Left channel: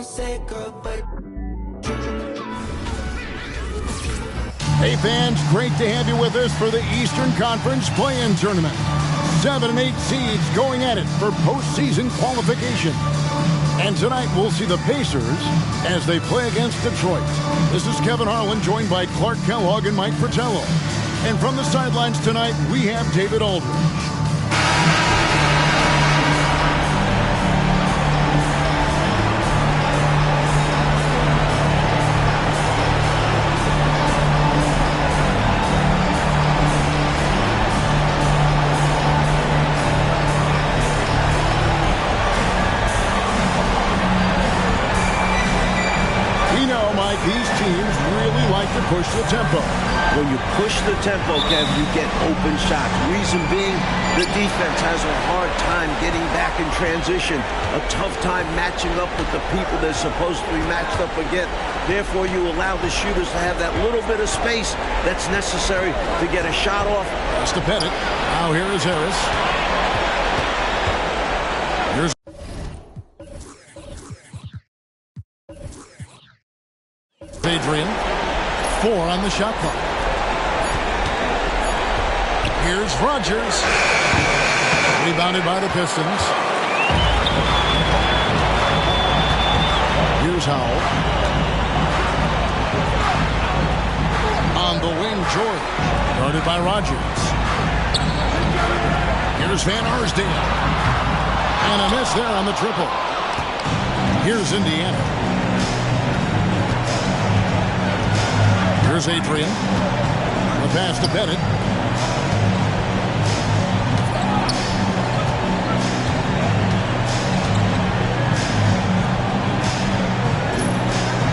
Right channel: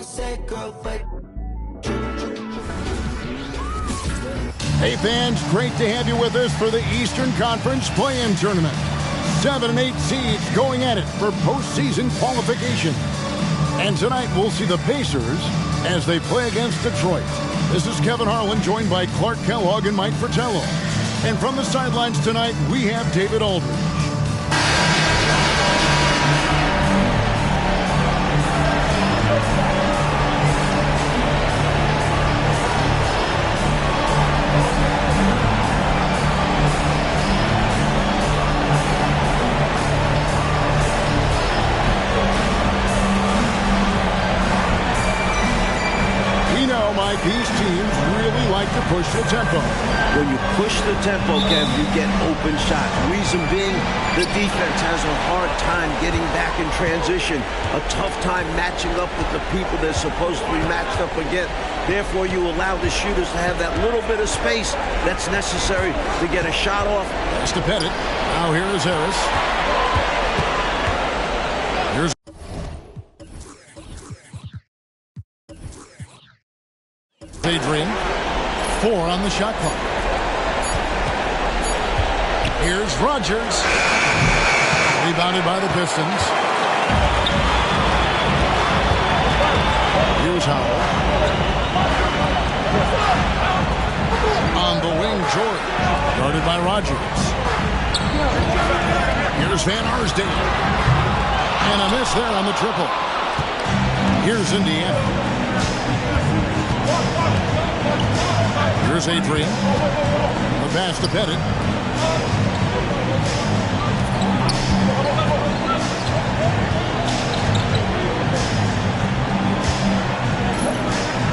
don't say, girl, but... Hey fans, great to have you with us for the Eastern Conference Play-In Tournament. 7 and 8 seeds going at it for postseason qualification. And tonight we'll see the Pacers as they play against Detroit. This is Kevin Harlan, joined by Clark Kellogg and Mike Fratello. And from the sidelines tonight, we have David Aldridge. We know, Mike, these teams really like to push the tempo. When you push the tempo, Kev, you get open shots. Reason being, the defense has a hard time getting back in transition, a tough time matching up with the people they're supposed to be matched up against. Therefore, you allow the shooters to have that little bit of space that's necessary to get a shot off. Pass to Pettit. Now here is Harris. Here's Adrian. 4 on the shot clock. Here's Rogers. Rebounded by the Pistons. Here's Howell. On the wing, George. Guarded by Rogers. Here's Van Arsdale. And a miss there on the triple. Here's Indiana. Here's Adrian. The pass to Pettit.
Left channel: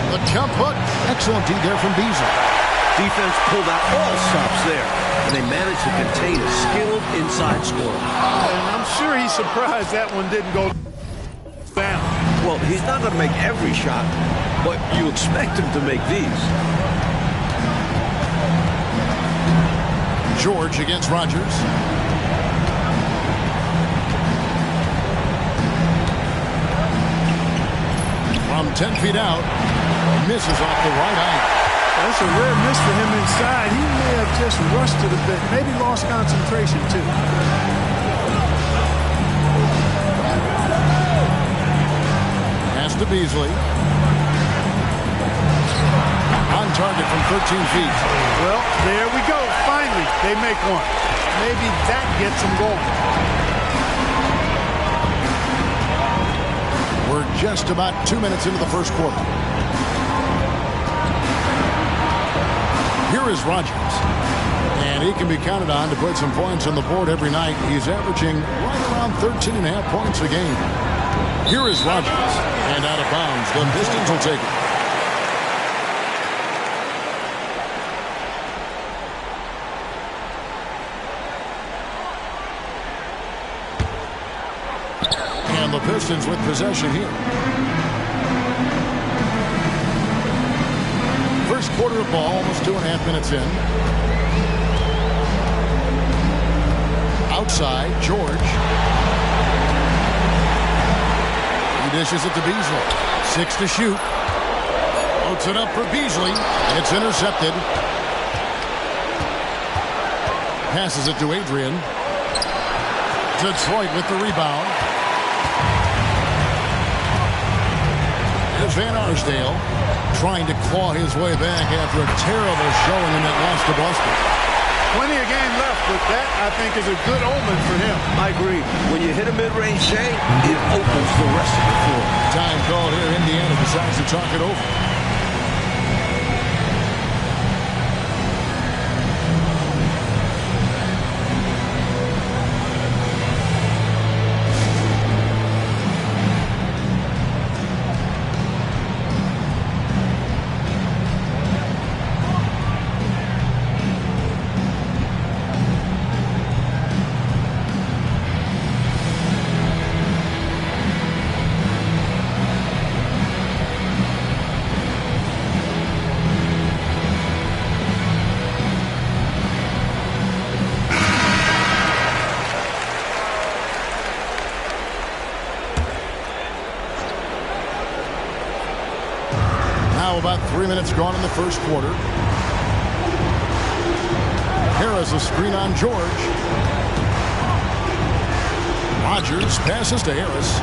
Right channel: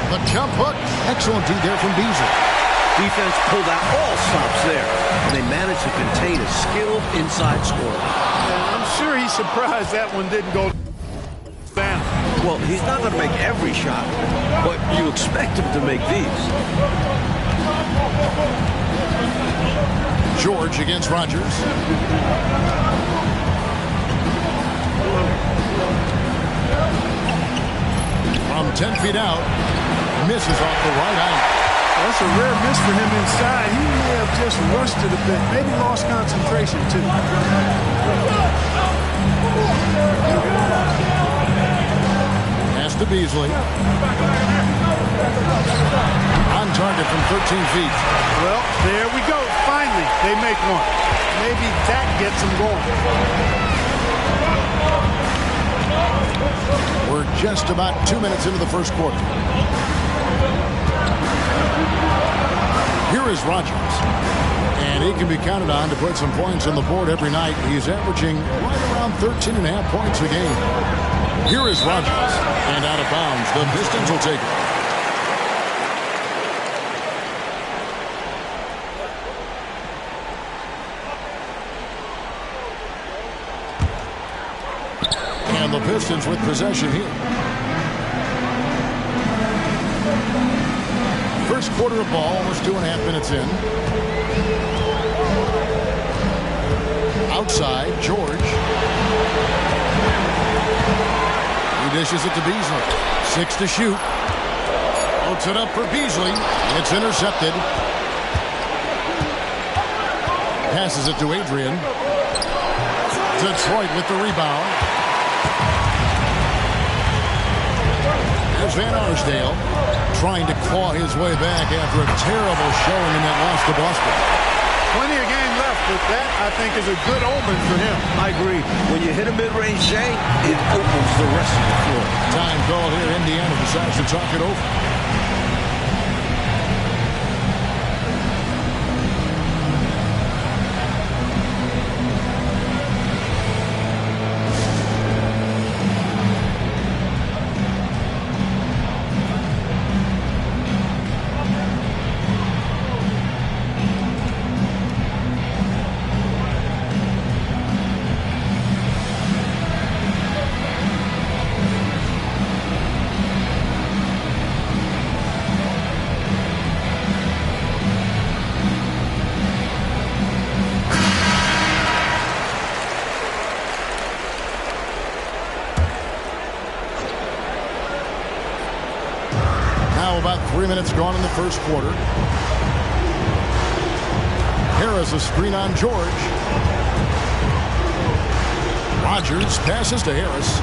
The jump hook. Excellent D there from Beasley. Defense pulled out all stops there, and they managed to contain a skilled inside scorer. And I'm sure he's surprised that one didn't go down. Well, he's not going to make every shot, but you expect him to make these. George against Rogers. From 10 feet out, misses off the right eye. That's a rare miss for him inside. He may have just rushed it a bit, maybe lost concentration too. Pass to Beasley. On target from 13 feet. Well, there we go. Finally, they make one. Maybe that gets them going. We're just about 2 minutes into the first quarter. Here is Rogers. And he can be counted on to put some points on the board every night. He's averaging right around 13.5 points a game. Here is Rogers. And out of bounds. The Pistons will take it. And the Pistons with possession here. First quarter of ball, almost 2.5 minutes in. Outside, George. He dishes it to Beasley. 6 to shoot. Floats it up for Beasley. It's intercepted. Passes it to Adrian. Detroit with the rebound. There's Van Arsdale trying to claw his way back after a terrible showing in that loss to Boston. Plenty of game left, but that, I think, is a good omen for him. I agree. When you hit a mid-range J, it opens the rest of the floor. Time called here. Indiana decides to talk it over. Now about 3 minutes gone in the first quarter. Harris a screen on George. Rogers passes to Harris.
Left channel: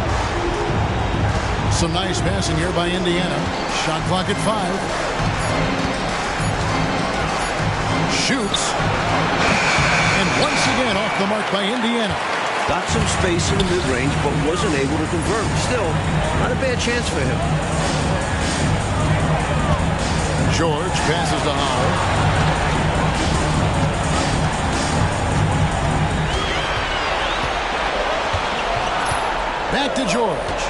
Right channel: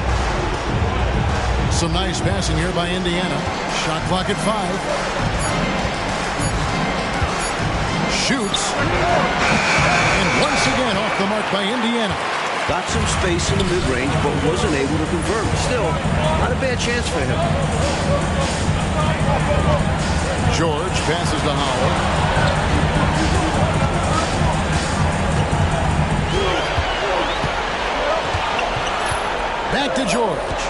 Some nice passing here by Indiana. Shot clock at 5. Shoots. And once again off the mark by Indiana. Got some space in the mid-range, but wasn't able to convert. Still, not a bad chance for him. George passes to Howell. Back to George.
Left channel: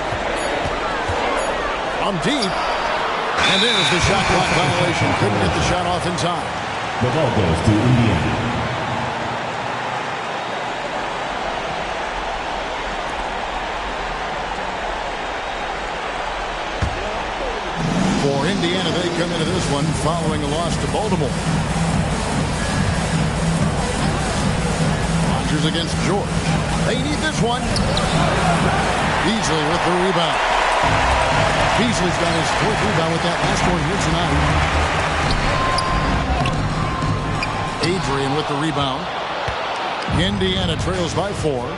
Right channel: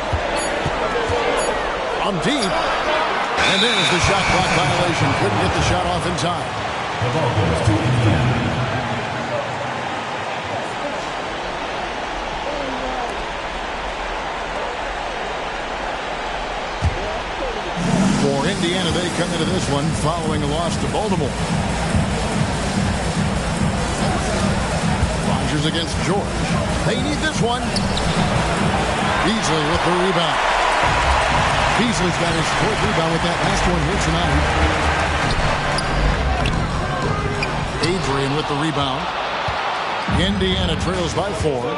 From deep. And there's the shot clock violation. Couldn't get the shot off in time. The ball goes to Indiana. For Indiana, they come into this one following a loss to Baltimore. Rogers against George. They need this one. Beasley with the rebound. Beasley's got his 4th rebound with that last one here tonight. Adrian with the rebound. Indiana trails by 4.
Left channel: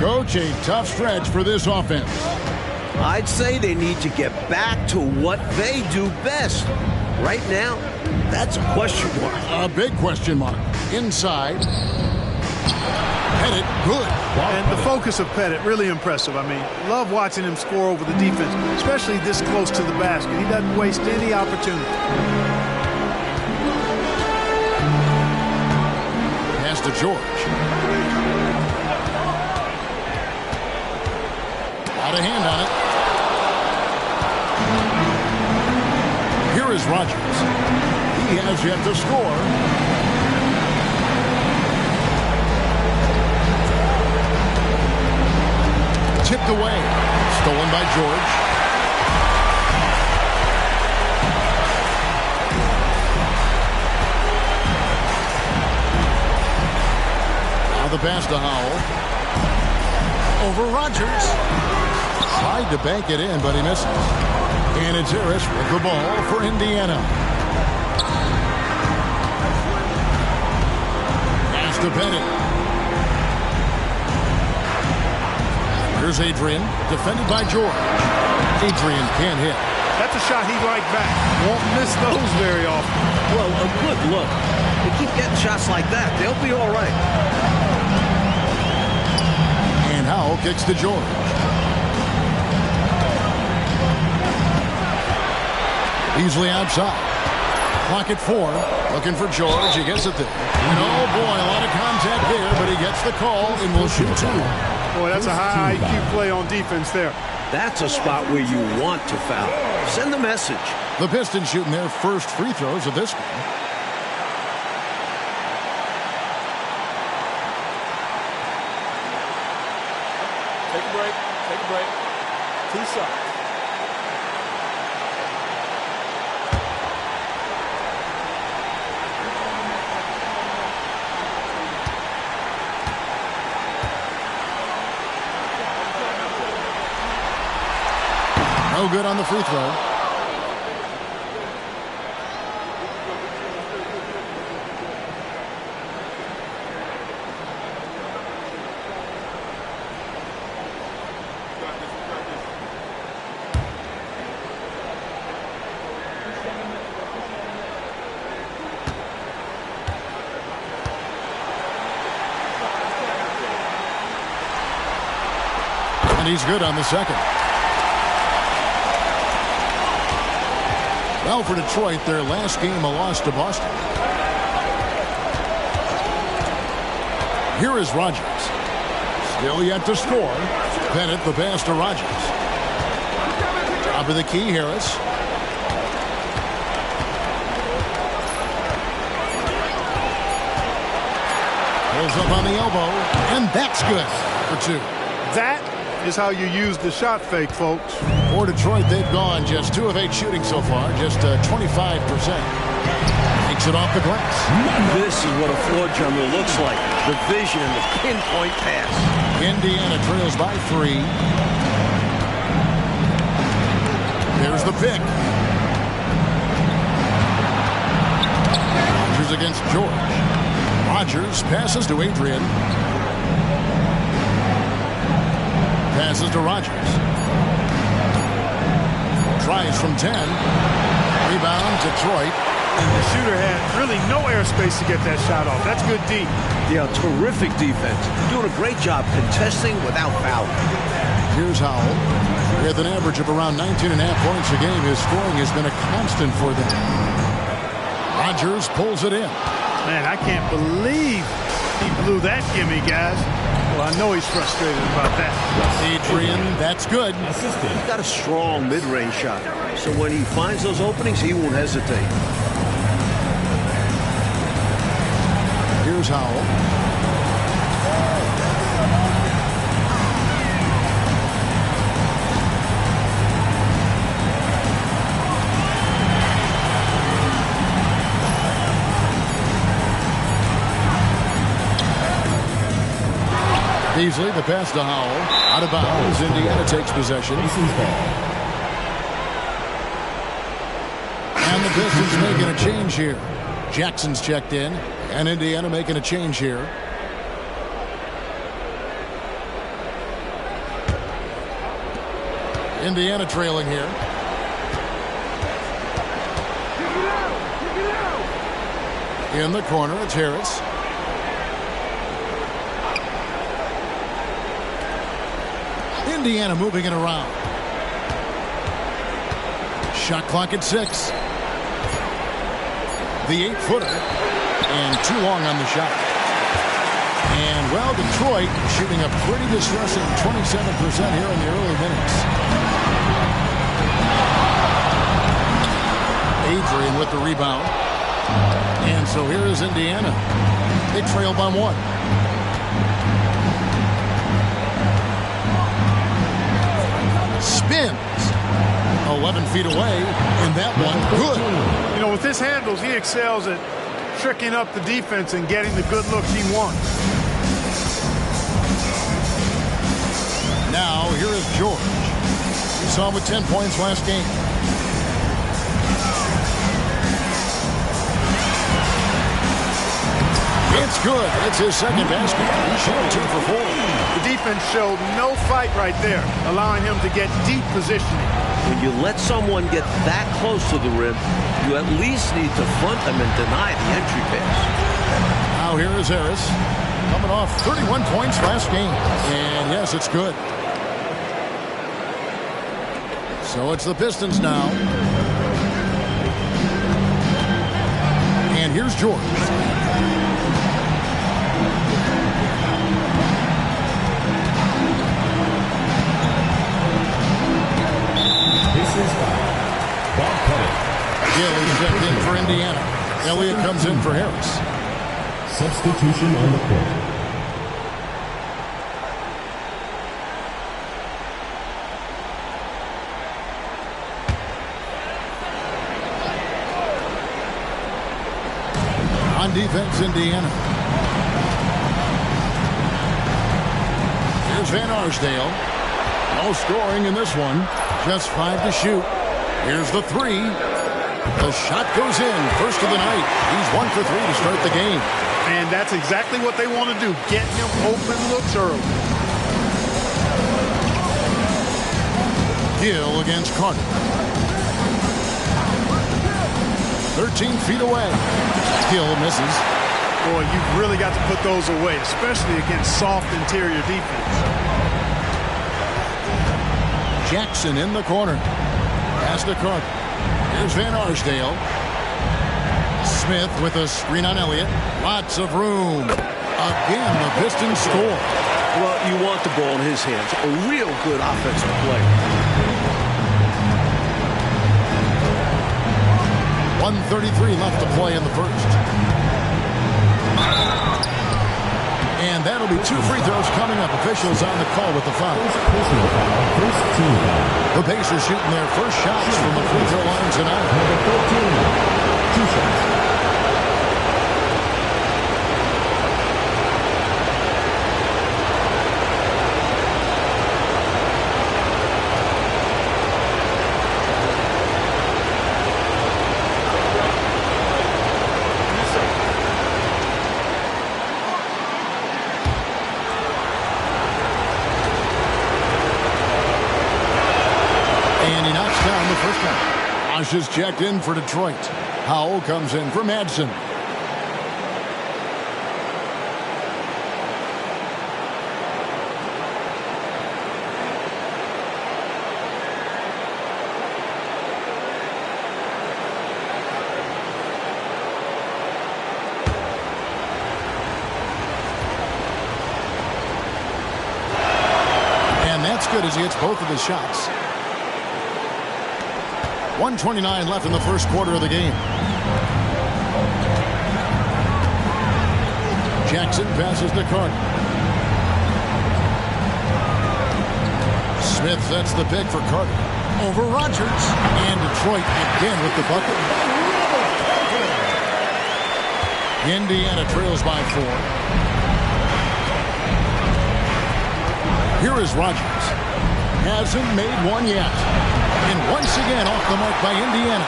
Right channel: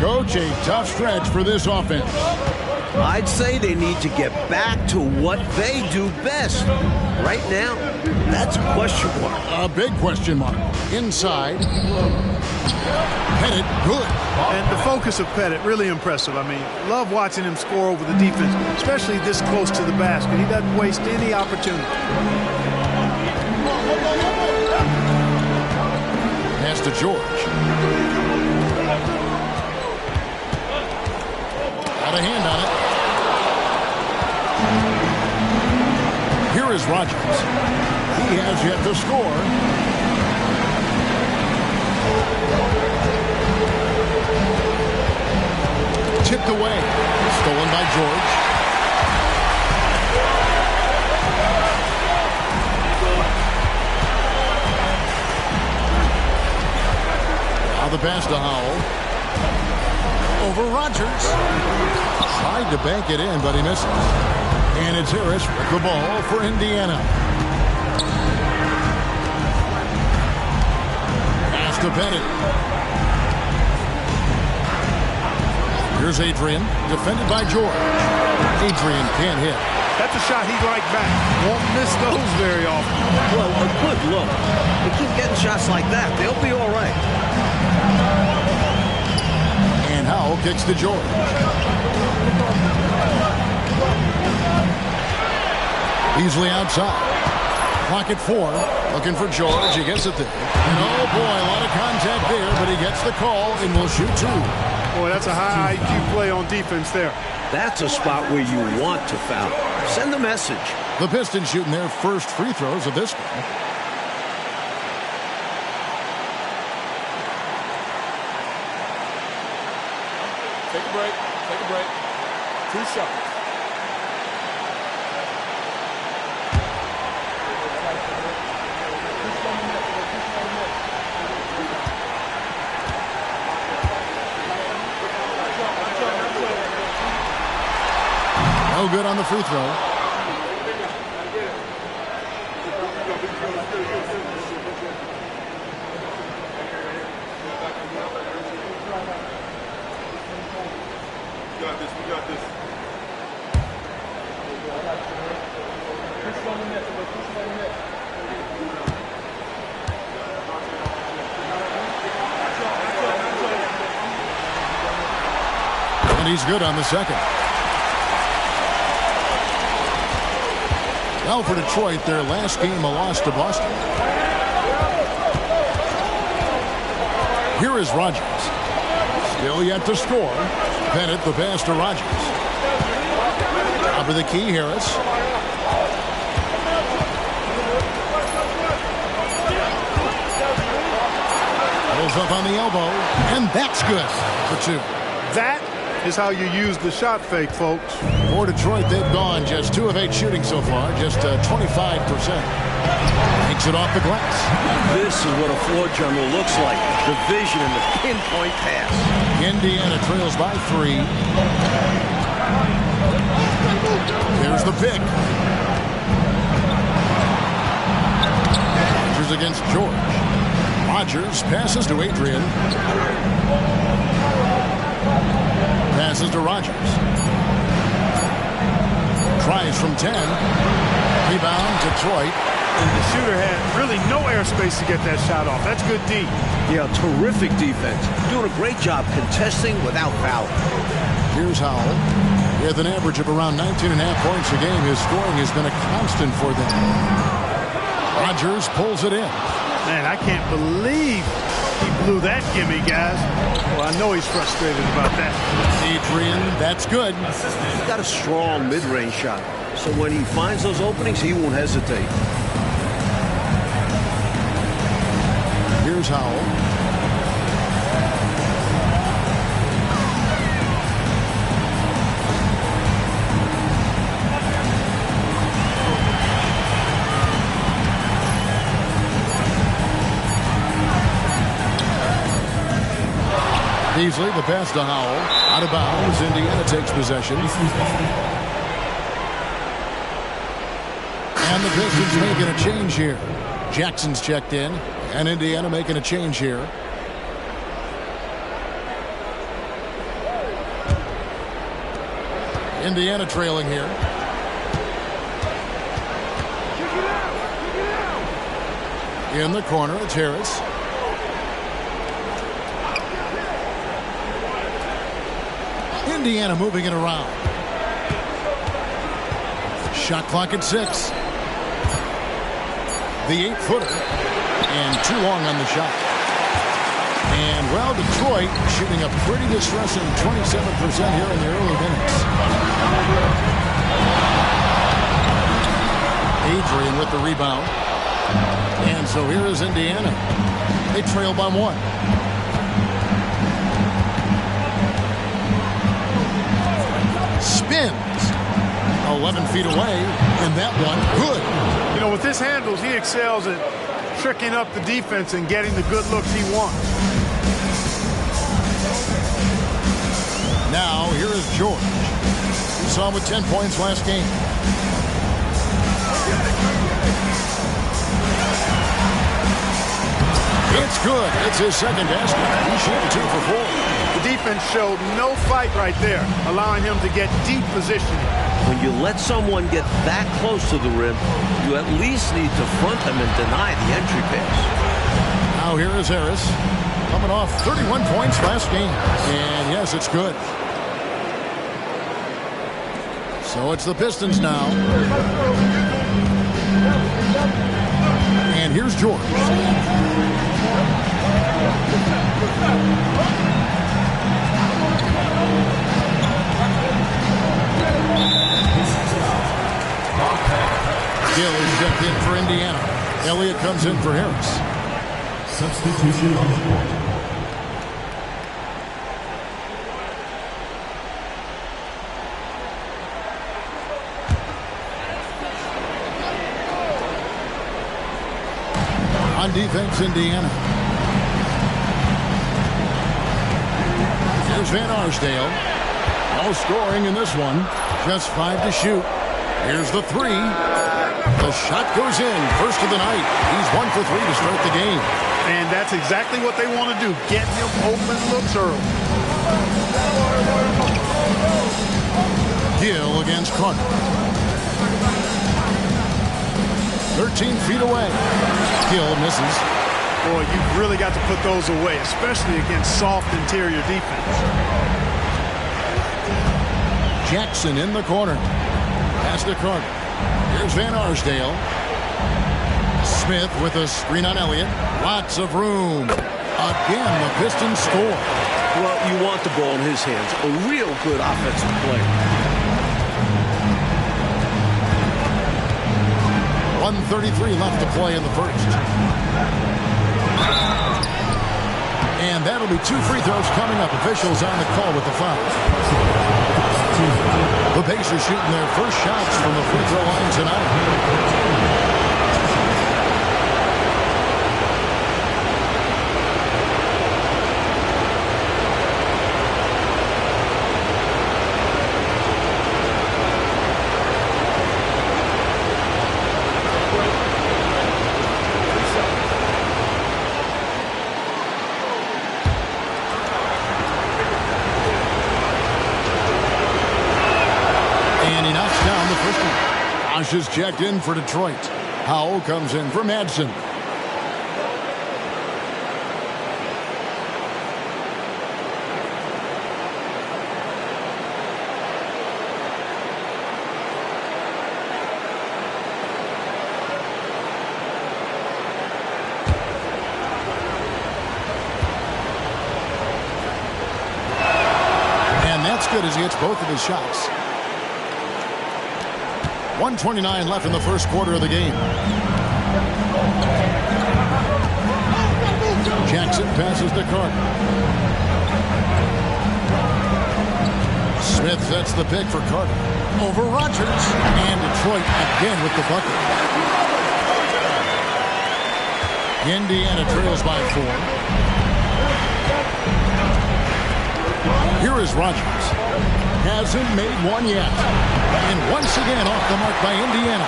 Coach, a tough stretch for this offense. I'd say they need to get back to what they do best. Right now, that's a question mark. A big question mark. Inside. Pettit, good. And the focus of Pettit, really impressive. I mean, love watching him score over the defense, especially this close to the basket. He doesn't waste any opportunity. Pass to George. Got a hand on it. Here is Rogers. He has yet to score. Tipped away. Stolen by George. Now the pass to Howell. Over Rogers. Tried to bank it in, but he misses. And it's Harris with the ball for Indiana. Pass to Pettit. Here's Adrian, defended by George. Adrian can't hit. That's a shot he'd like back. Won't miss those very often. Well, a good look. They keep getting shots like that. They'll be all right. And Howell kicks to George. Beasley outside. Clock at 4. Looking for George. He gets it there. And oh boy, a lot of contact there, but he gets the call and will shoot 2. Boy, that's a high IQ play on defense there. That's a spot where you want to foul. Send the message. The Pistons shooting their first free throws of this game. Take a break. Take a break. 2 shots. No good on the free throw. And he's good on the second. Well, for Detroit, their last game a loss to Boston. Here is Rogers. Still yet to score. Pettit the pass to Rogers. Top of the key, Harris. Pulls up on the elbow, and that's good for 2. That is how you use the shot fake, folks. For Detroit, they've gone just 2 of 8 shooting so far, just 25%. Takes it off the glass. This is what a floor general looks like. The vision and the pinpoint pass. Indiana trails by 3. There's the pick. against George. Rogers passes to Adrian. Passes to Rogers. Tries from 10. Rebound, Detroit. And the shooter had really no airspace to get that shot off. That's good D. Yeah, terrific defense. Doing a great job contesting without fouling. Here's Howell. With an average of around 19.5 points a game, his scoring has been a constant for them. Rogers pulls it in. Man, I can't believe he blew that gimme, guys. Well, I know he's frustrated about that. Adrian, that's good. He's got a strong mid-range shot. So when he finds those openings, he won't hesitate. Here's Howell. Beasley, the pass to Howell. Out of bounds. Indiana takes possession. And the Pistons making a change here. Jackson's checked in. And Indiana making a change here. Indiana trailing here. In the corner, it's Harris. Indiana moving it around. Shot clock at 6. The 8-footer. And too long on the shot. And, well, Detroit shooting a pretty distressing 27% here in the early minutes. Adrian with the rebound. And so here is Indiana. They trail by 1. Spins 11 feet away, and that one good. You know, with his handles, he excels at tricking up the defense and getting the good looks he wants. Now here is George. We saw him with 10 points last game. It's good. It's his second basket. He's shooting 2 for 4. The defense showed no fight right there, allowing him to get deep positioning. When you let someone get that close to the rim, you at least need to front them and deny the entry pass. Now here is Harris, coming off 31 points last game. And yes, it's good. So it's the Pistons now. And here's George. Gill is checked in for Indiana. Elliott comes in for Harris. Substitution on the court. On defense, Indiana. Here's Van Arsdale. No scoring in this one. Just 5 to shoot. Here's the 3. The shot goes in. First of the night. He's 1 for 3 to start the game. And that's exactly what they want to do. Get him open looks early. Gill against Carter. 13 feet away. Gill misses. Boy, you've really got to put those away, especially against soft interior defense. Jackson in the corner. Pass to Carter. Here's Van Arsdale. Smith with a screen on Elliott. Lots of room. Again, the Pistons score. Well, you want the ball in his hands. A real good offensive play. 1:33 left to play in the first. And that'll be 2 free throws coming up. Officials on the call with the foul. The Pacers shooting their first shots from the free throw line tonight. And he knocks down the first one. Bosch is checked in for Detroit. Howell comes in for Madsen. And that's good as he hits both of his shots. 1:29 left in the first quarter of the game. Jackson passes to Carter. Smith sets the pick for Carter. Over Rogers. And Detroit again with the bucket. Indiana trails by 4. Here is Rogers. Hasn't made one yet. And once again off the mark by Indiana.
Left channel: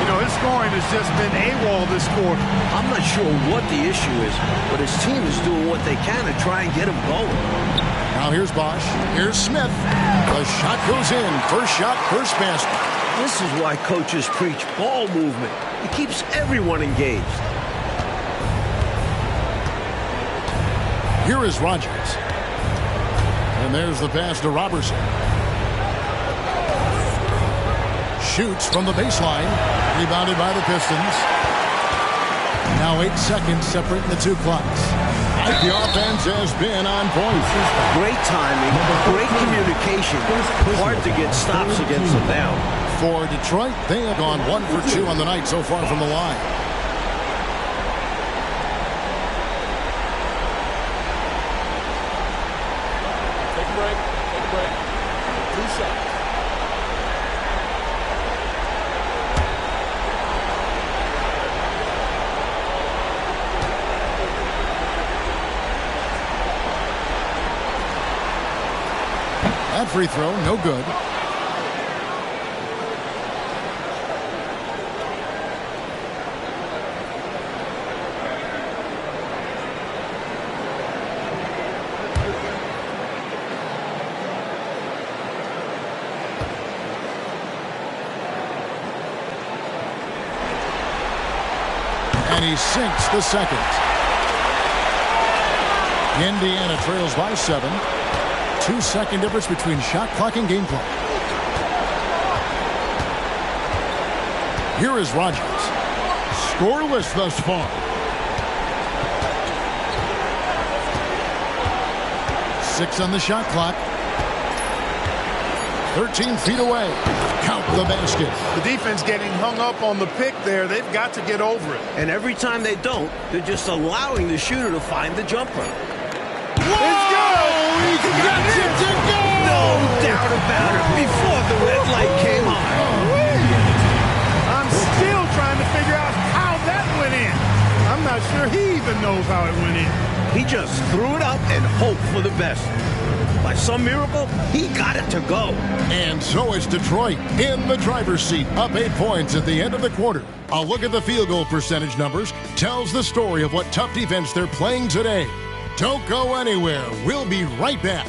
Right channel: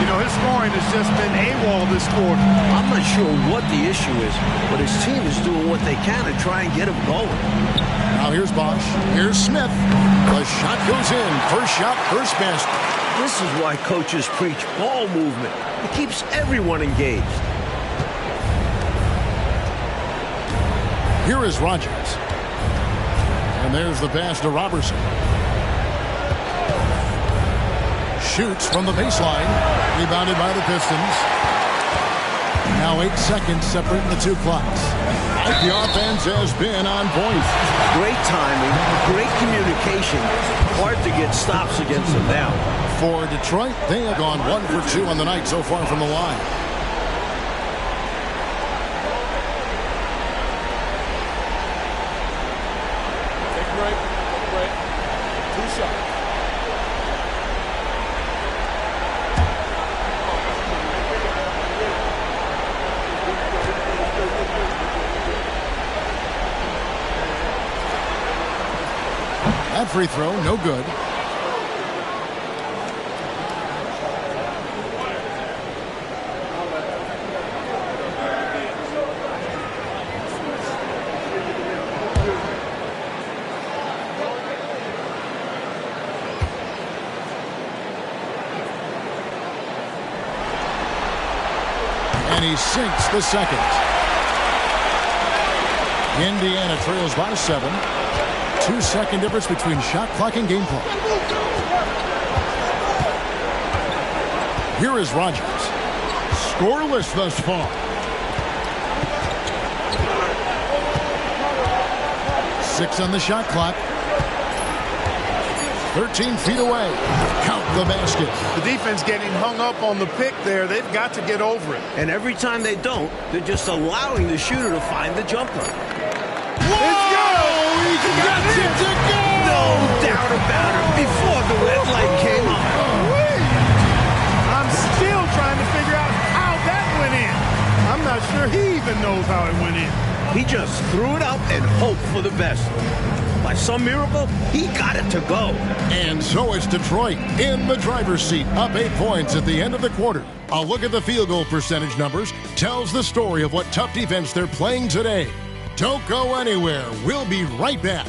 You know, his scoring has just been AWOL this quarter. I'm not sure what the issue is, but his team is doing what they can to try and get him going. Now here's Bosch. Here's Smith. The shot goes in. First shot, first basket. This is why coaches preach ball movement. It keeps everyone engaged. Here is Rogers. And there's the pass to Robertson. Shoots from the baseline. Rebounded by the Pistons. Now 8 seconds separating the two clocks. The offense has been on point. Great timing, great communication. Hard to get stops against them now. For Detroit, they have gone 1 for 2 on the night so far from the line. Take a break. Take a break. 2 shots. That free throw, no good. And he sinks the second. Indiana trails by 7. 2-second difference between shot clock and game clock. Here is Rogers. Scoreless thus far. 6 on the shot clock. 13 feet away. Count the basket. The defense getting hung up on the pick there. They've got to get over it. And every time they don't, they're just allowing the shooter to find the jumper. It's good! He got it to go! No doubt about it. Before the red light came on. I'm still trying to figure out how that went in. I'm not sure he even knows how it went in. He just threw it up and hoped for the best. By some miracle, he got it to go. And so it's Detroit in the driver's seat, up 8 points at the end of the quarter. A look at the field goal percentage numbers tells the story of what tough defense they're playing today. Don't go anywhere. We'll be right back.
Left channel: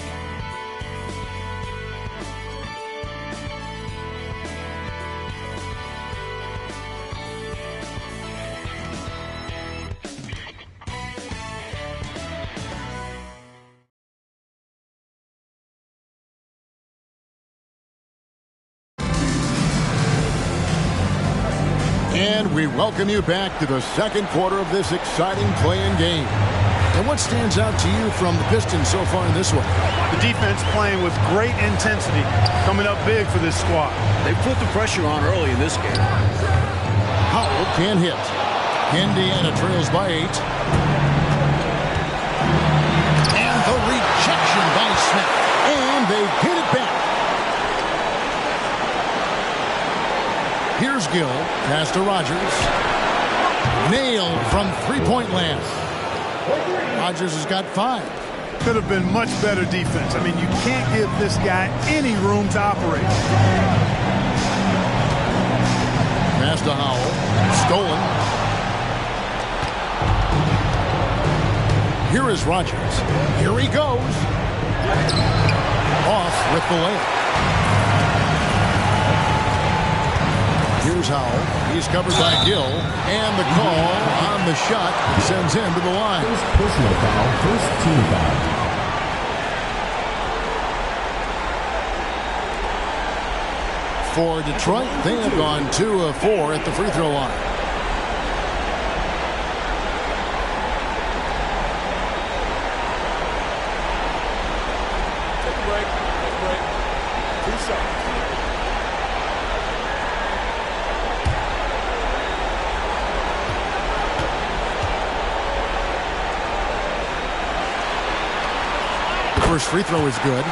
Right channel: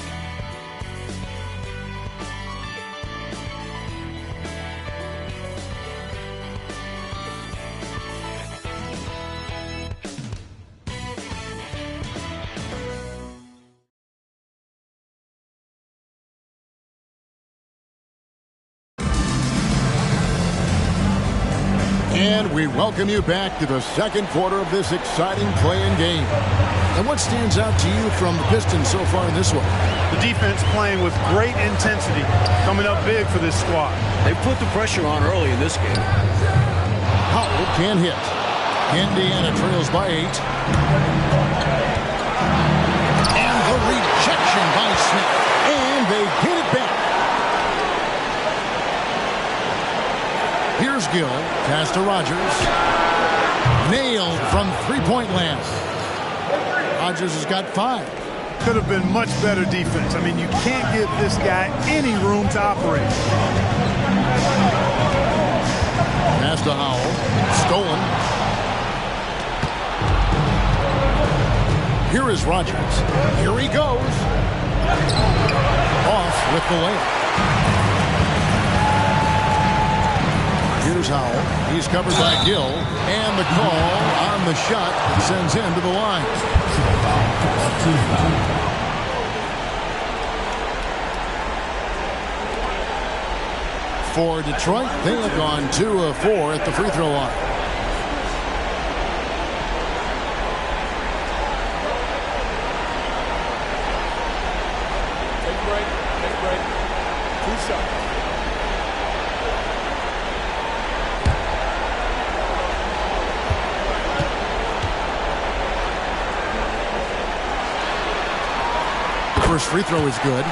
And we welcome you back to the second quarter of this exciting play-in game. And what stands out to you from the Pistons so far in this one? The defense playing with great intensity, coming up big for this squad. They put the pressure on early in this game. Howell can hit. Indiana trails by 8. And the rejection by Smith. And they get it back. Here's Gill. Pass to Rogers. Nailed from three-point land. Rogers has got 5. Could have been much better defense. I mean, you can't give this guy any room to operate. Pass to Howell. Stolen. Here is Rogers. Here he goes. Off with the layup. Here's Howell. He's covered by Gill. And the call on the shot that sends him to the line. First personal foul, first team foul. For Detroit, they have gone 2 of 4 at the free throw line. Take a break. Take a break. 2 shots. First free throw is good.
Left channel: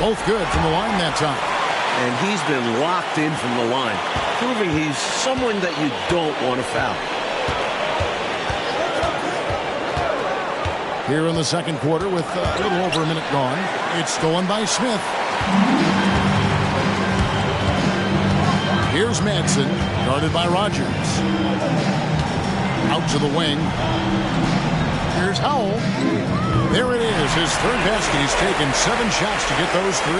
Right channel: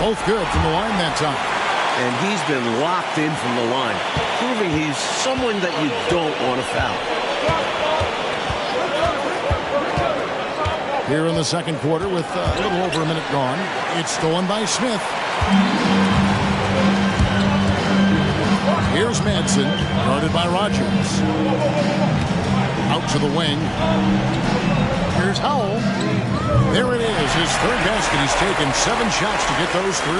Both good from the line that time. And he's been locked in from the line, proving he's someone that you don't want to foul. Here in the second quarter with a little over a minute gone. It's stolen by Smith. Here's Madsen, guarded by Rogers. Out to the wing. Here's Howell. There it is, his third basket. He's taken 7 shots to get those 3.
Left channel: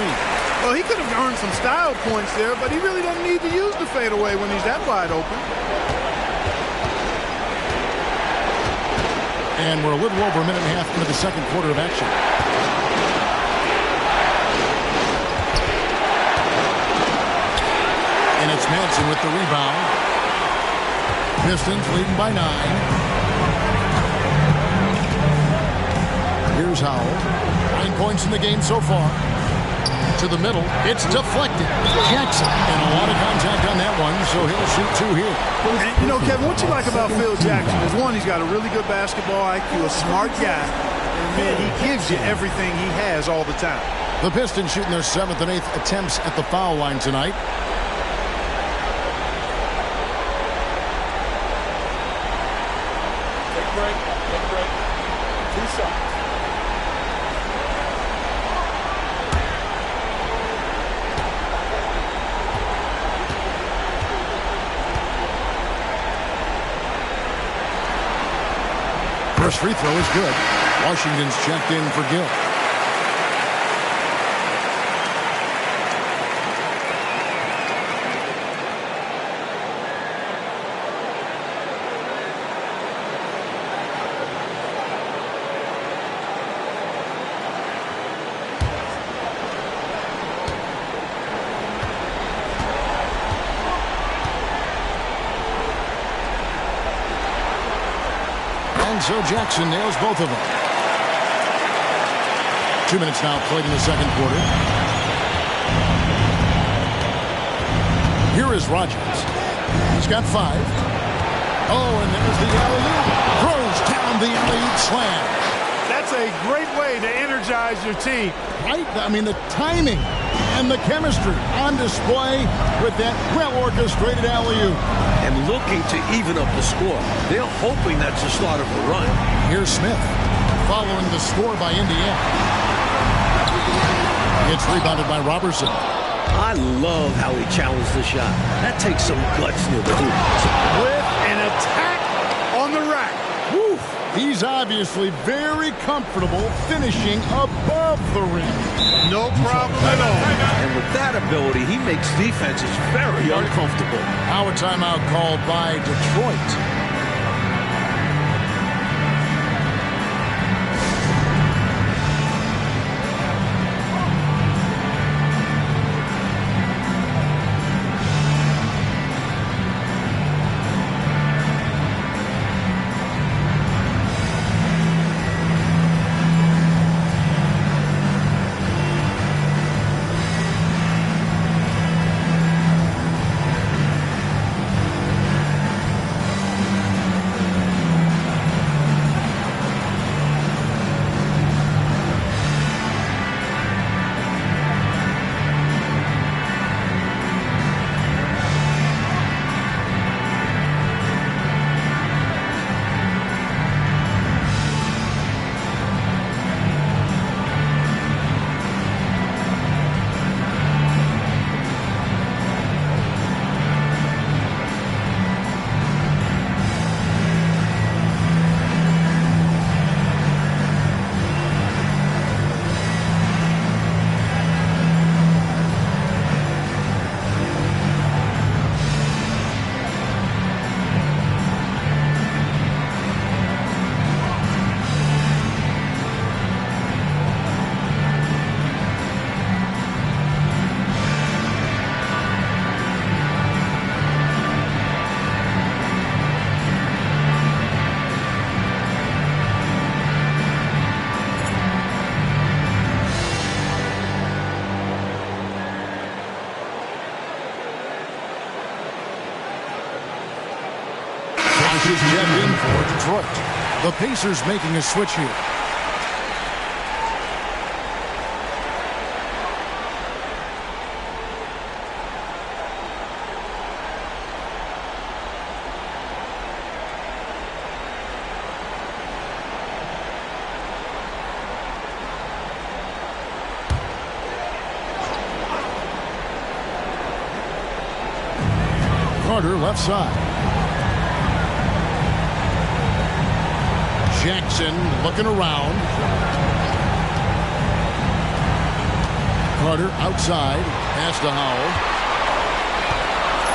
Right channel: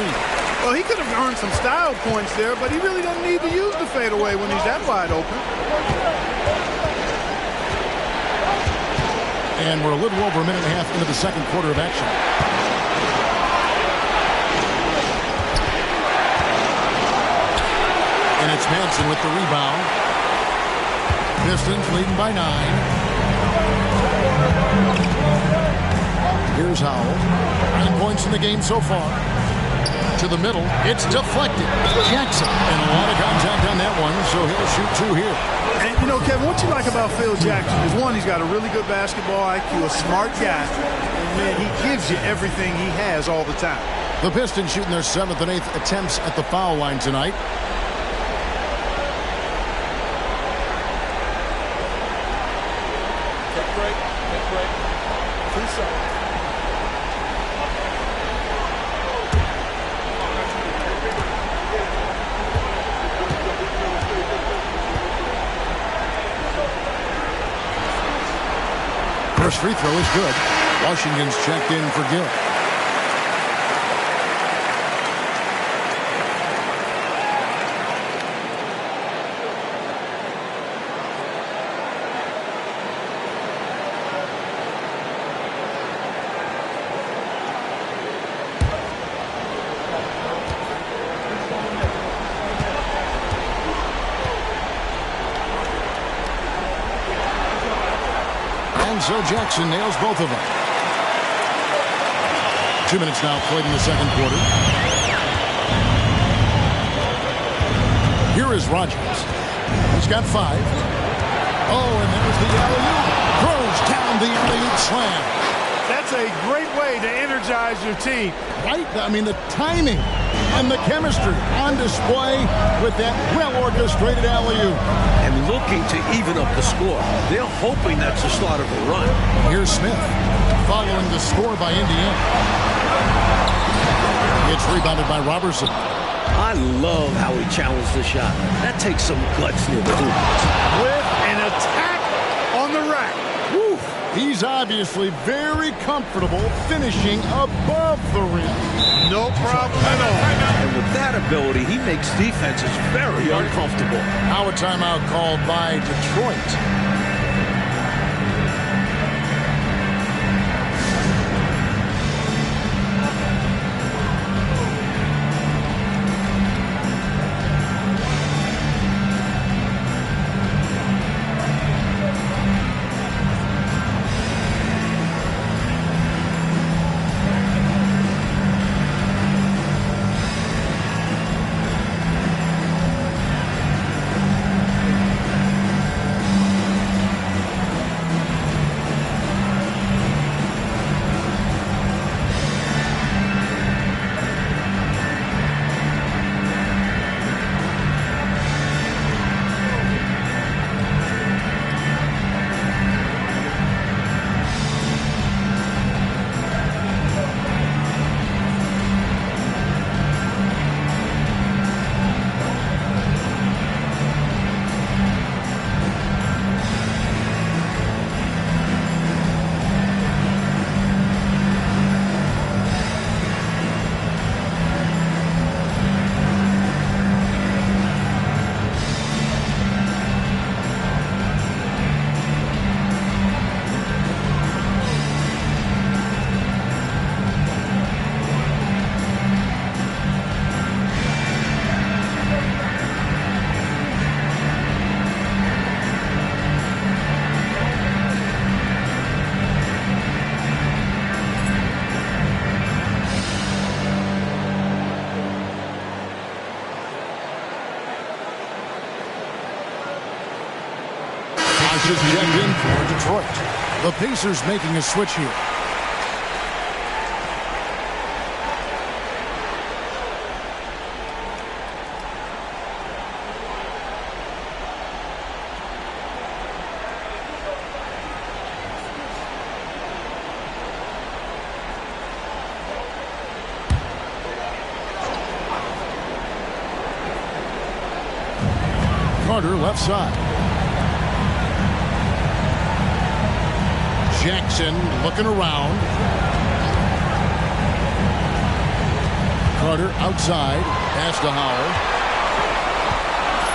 Well, he could have earned some style points there, but he really doesn't need to use the fadeaway when he's that wide open. And we're a little over a minute and a half into the second quarter of action. And it's Madsen with the rebound. Pistons leading by 9. Here's Howell. 9 points in the game so far. To the middle. It's deflected. Jackson. And a lot of contact on that one, so he'll shoot 2 here. And, you know, Kevin, what you like about Phil Jackson is, one, he's got a really good basketball IQ, a smart guy, and, man, he gives you everything he has all the time. The Pistons shooting their 7th and 8th attempts at the foul line tonight. Take a break. Take a break. 2 shots. First free throw is good. Washington's checked in for Gill. And so Jackson nails both of them. 2 minutes now played in the second quarter. Here is Rogers. He's got 5. Oh, and there's the alley-oop. Throws down the alley-oop slam. That's a great way to energize your team. Right? I mean, the timing and the chemistry on display with that well-orchestrated alley-oop. And looking to even up the score. They're hoping that's the start of a run. Here's Smith following the score by Indiana. It's rebounded by Robertson. I love how he challenged the shot. That takes some guts near the hoop. With an attack on the rack. Woo. He's obviously very comfortable finishing above the rim. No problem at all. And with that ability, he makes defenses very uncomfortable. Now a timeout called by Detroit. Bosh is checked in for Detroit. The Pacers making a switch here. Carter left side. Jackson looking around. Carter outside. Pass to Howell.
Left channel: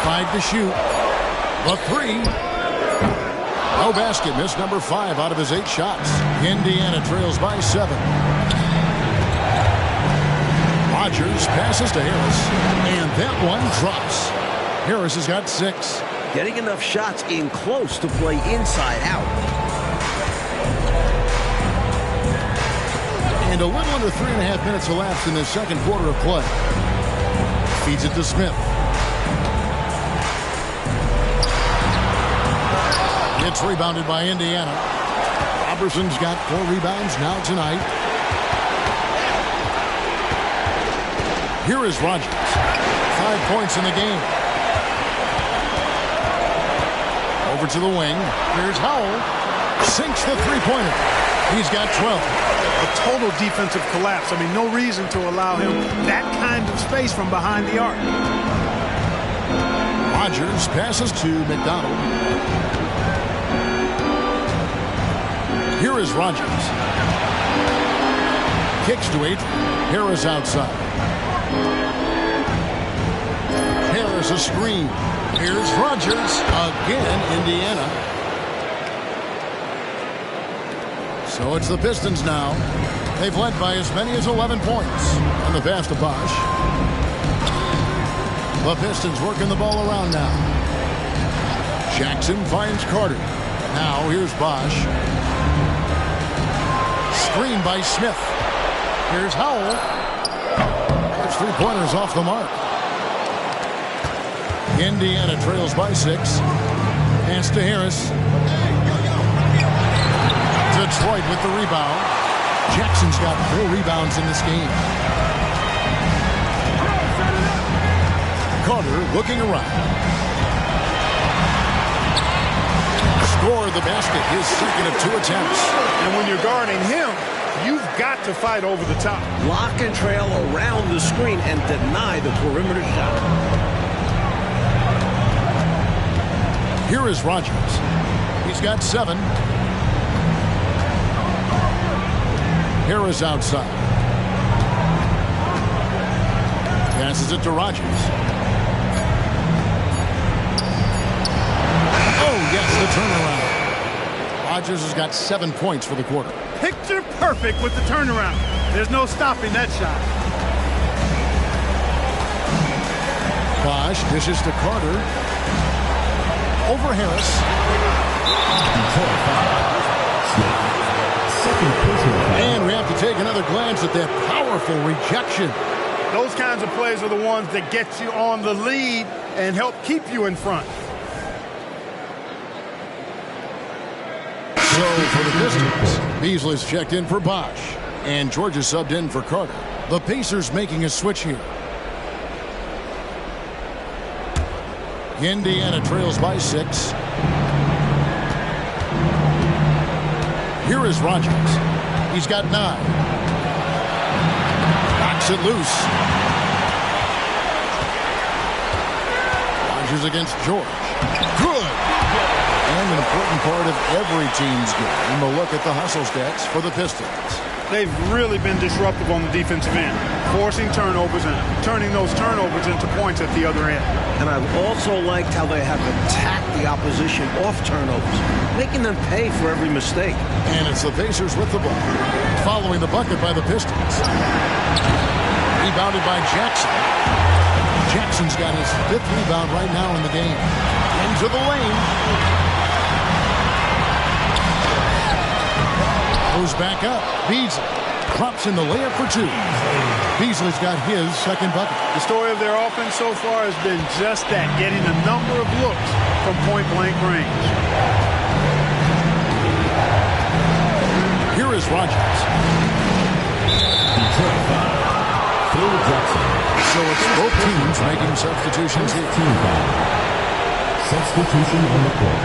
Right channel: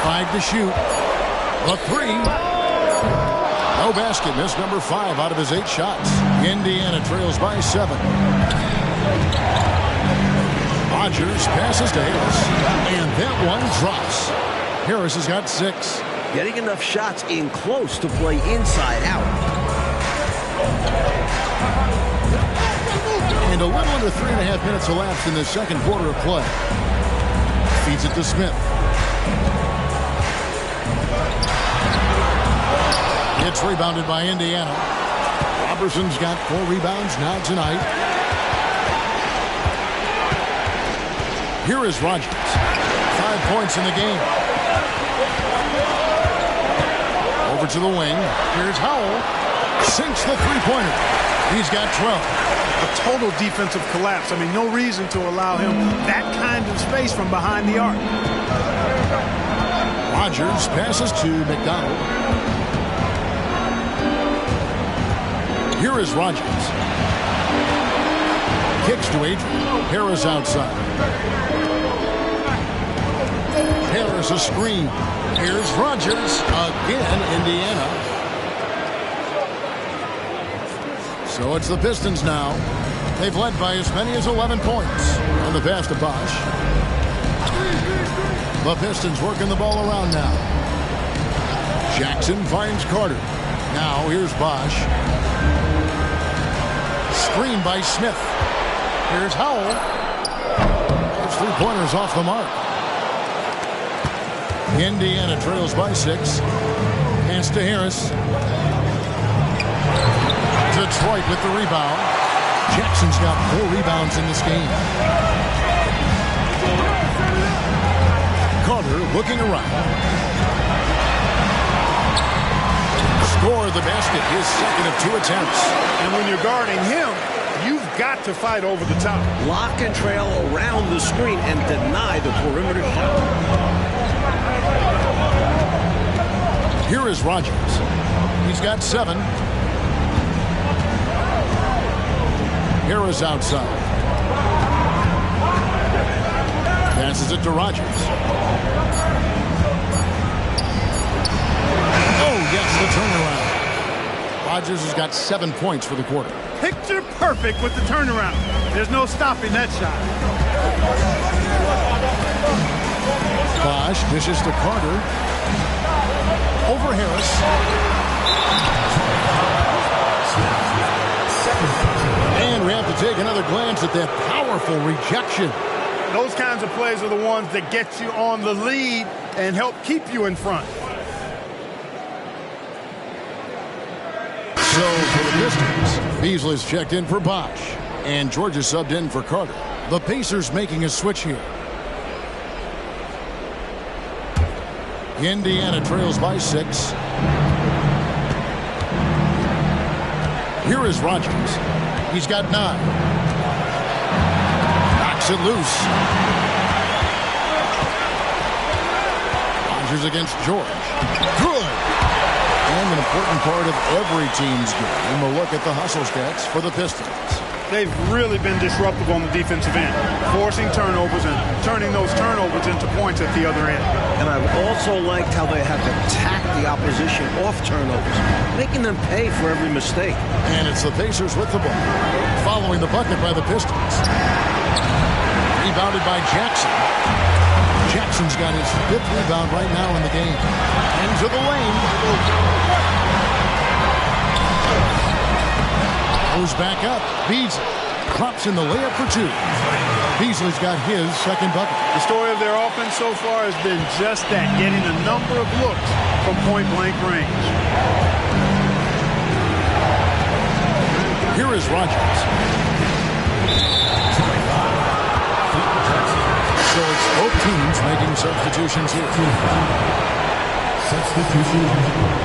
5 to shoot. The 3. No basket. Missed number 5 out of his 8 shots. Indiana trails by 7. Rodgers passes to Harris. And that one drops. Harris has got 6. Getting enough shots in close to play inside out. And a little under 3.5 minutes elapsed in the second quarter of play. Feeds it to Smith. It's rebounded by Indiana. Robertson's got 4 rebounds now tonight. Here is Rodgers. 5 points in the game. Over to the wing. Here's Howell. Sinks the three-pointer. He's got 12. A total defensive collapse. I mean, no reason to allow him that kind of space from behind the arc. Rodgers passes to McDonald. Here is Rodgers. Kicks to Adrian. Harris outside. Harris a screen. Here's Rodgers. Again, Indiana. So it's the Pistons now. They've led by as many as 11 points. On the pass to Bosh. The Pistons working the ball around now. Jackson finds Carter. Now here's Bosh. Screen by Smith. Here's Howell. His three-pointers off the mark. Indiana trails by 6. Pass to Harris. Detroit with the rebound. Jackson's got 4 rebounds in this game. Carter looking around. Score the basket, his second of 2 attempts. And when you're guarding him, you've got to fight over the top. Lock and trail around the screen and deny the perimeter shot. Here is Rodgers. He's got 7. Harris outside. Passes it to Rodgers. Oh, yes, the turnaround. Rodgers has got 7 points for the quarter. Picture perfect with the turnaround. There's no stopping that shot. Bosh dishes to Carter. Over Harris. And we have to take another glance at that powerful rejection. Those kinds of plays are the ones that get you on the lead and help keep you in front. So for the Pistons, Beasley's checked in for Bosh. And George is subbed in for Carter. The Pacers making a switch here. Indiana trails by 6. Here is Rodgers. He's got 9. Knocks it loose. Rodgers against George. Good. And an important part of every team's game, a look at the hustle stats for the Pistons. They've really been disruptive on the defensive end, forcing turnovers and turning those turnovers into points at the other end. And I've also liked how they have attacked the opposition off turnovers, making them pay for every mistake. And it's the Pacers with the ball, following the bucket by the Pistons. Rebounded by Jackson. Jackson's got his 5th rebound right now in the game. Into the lane. Goes back up. Beasley drops in the layup for 2. Beasley's got his second bucket. The story of their offense so far has been just that, getting a number of looks from point-blank range. Here is Rogers. Detroit foul. Phil Jackson. So it's both teams making substitutions here. Team foul. Substitution on the court.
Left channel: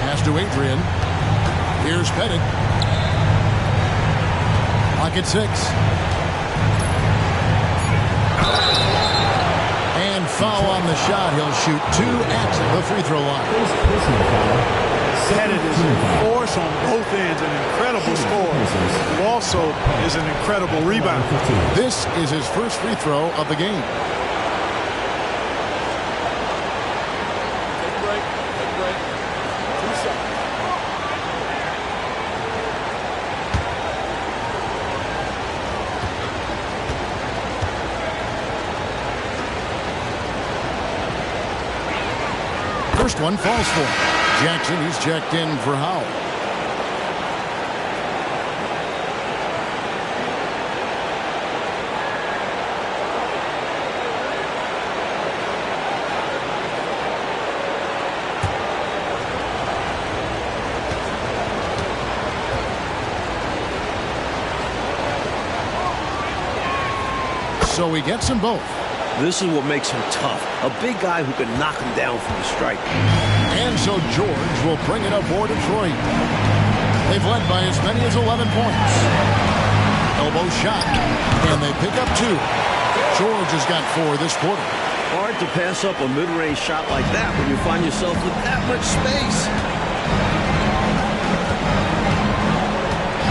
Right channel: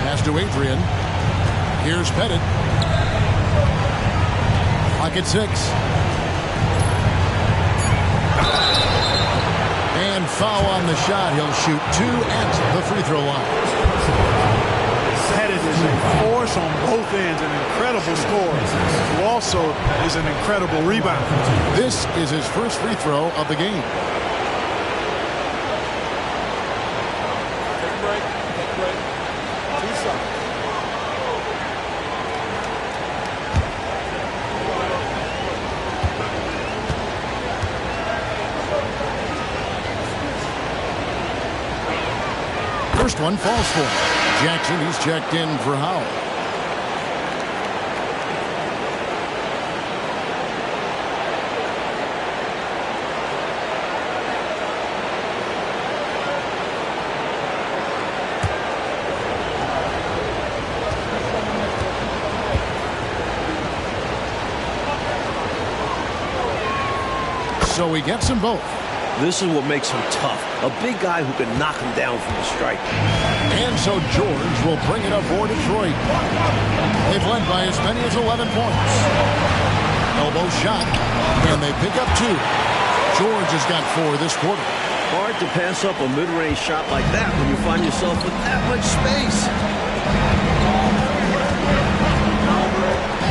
Pass to Adrian. Here's Pettit. Clock at 6. And foul on the shot. He'll shoot 2 at the free throw line. Personal foul. Pettit is a force on both ends, an incredible scorer, who also is an incredible rebounder. This is his first free throw of the game. Take a break. Take a break. 2 shots. First one falls for him. Jackson, he's checked in for Howell. So he gets them both. This is what makes him tough. A big guy who can knock him down from the strike. And so George will bring it up for Detroit. They've led by as many as 11 points. Elbow shot, and they pick up 2. George has got 4 this quarter. Hard to pass up a mid-range shot like that when you find yourself with that much space.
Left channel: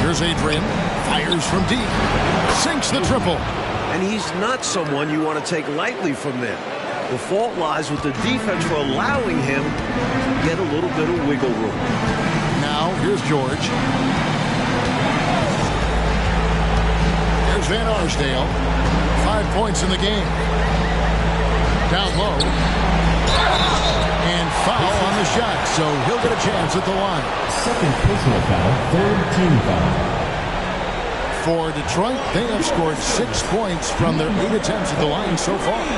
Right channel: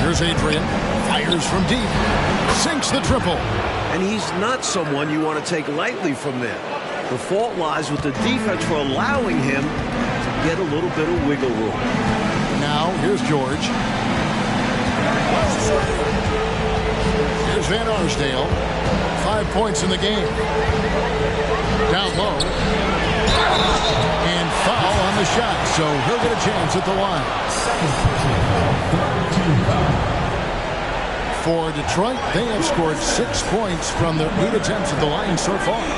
Here's Adrian. Fires from deep. Sinks the triple. And he's not someone you want to take lightly from there. The fault lies with the defense for allowing him to get a little bit of wiggle room. Now, here's George. Here's Van Arsdale. 5 points in the game. Down low. And foul on the shot, so he'll get a chance at the line. Second personal foul. Third team foul. For Detroit, they have scored 6 points from their 8 attempts at the line so far. 2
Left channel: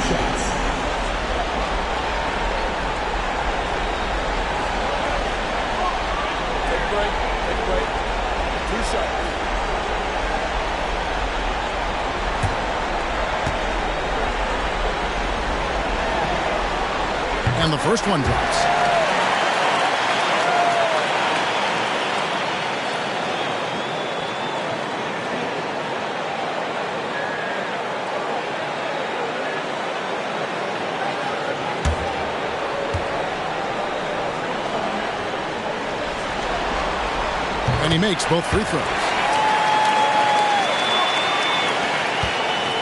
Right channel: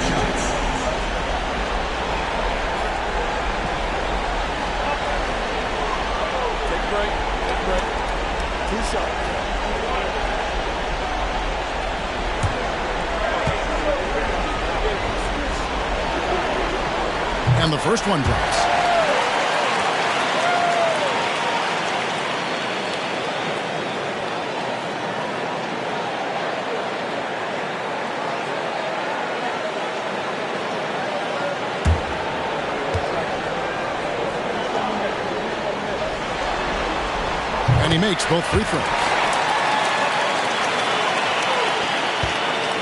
shots. Take a break. Take a break. 2 shots. And the first one drops. And he makes both free throws.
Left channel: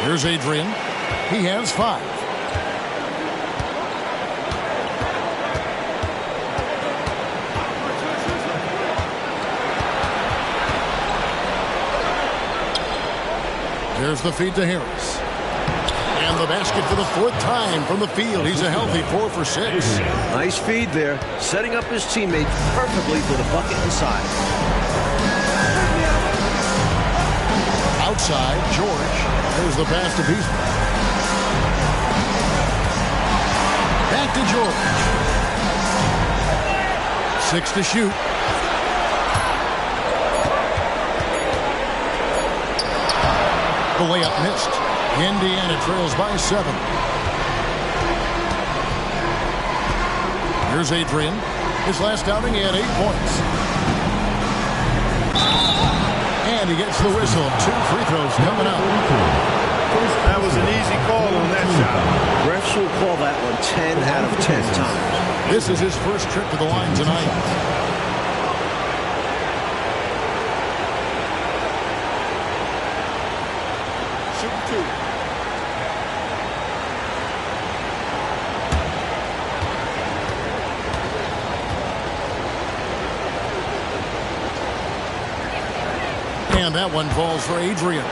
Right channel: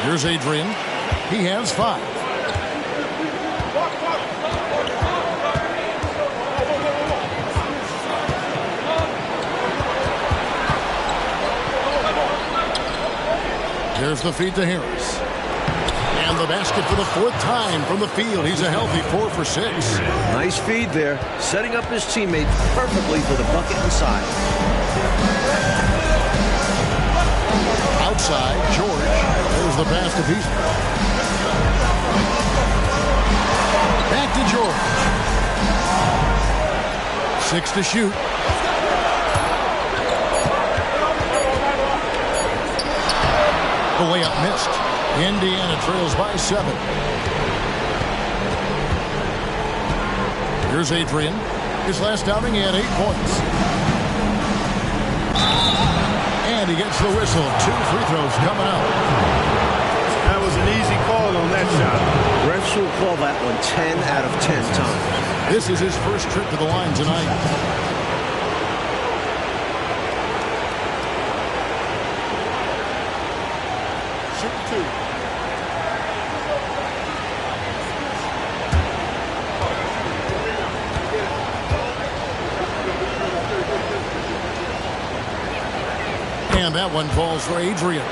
Here's Adrian. He has 5. Here's the feed to Harris. And the basket for the 4th time from the field. He's a healthy 4 for 6. Nice feed there, setting up his teammates perfectly for the bucket inside. Outside, George. There's the pass to Beasley. Back to George. 6 to shoot. The layup missed. Indiana trails by 7. Here's Adrian. His last outing, he had 8 points. And he gets the whistle. 2 free throws coming up. That was an easy call on that shot. Refs will call that one 10 out of 10 times. This is his first trip to the line tonight. Shooting 2. And that one falls for Adrian.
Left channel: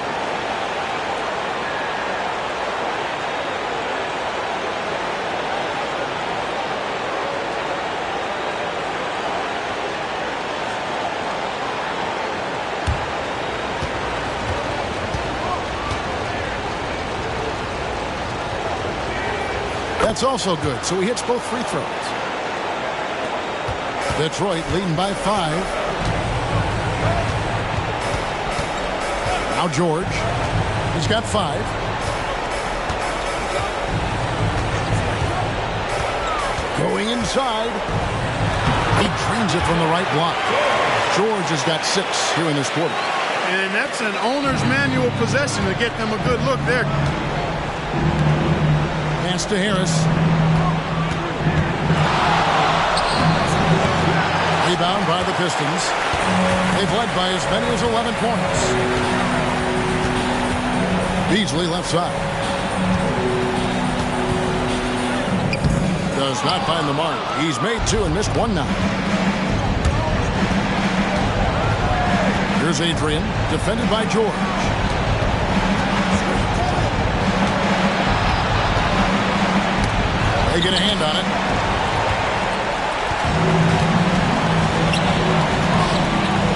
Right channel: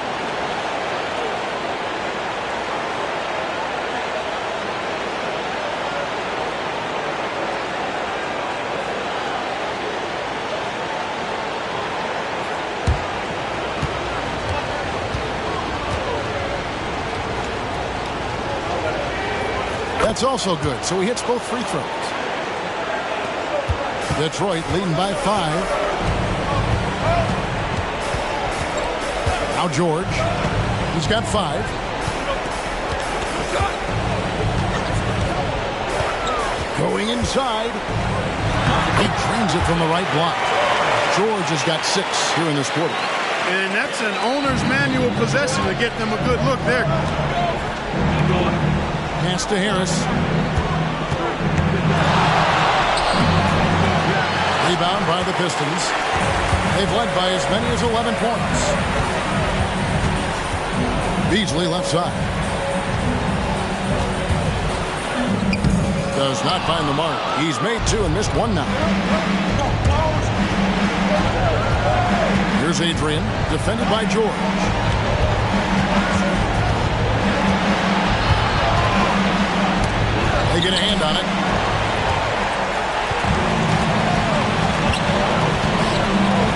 That's also good, so he hits both free throws. Detroit leading by 5. Now George. He's got 5. Going inside. He drains it from the right block. George has got 6 here in this quarter. And that's an owner's manual possession to get them a good look there. Pass to Harris. Rebound by the Pistons. They've led by as many as 11 points. Beasley left side. Does not find the mark. He's made 2 and missed 1 now. Here's Adrian, defended by George. They get a hand on it.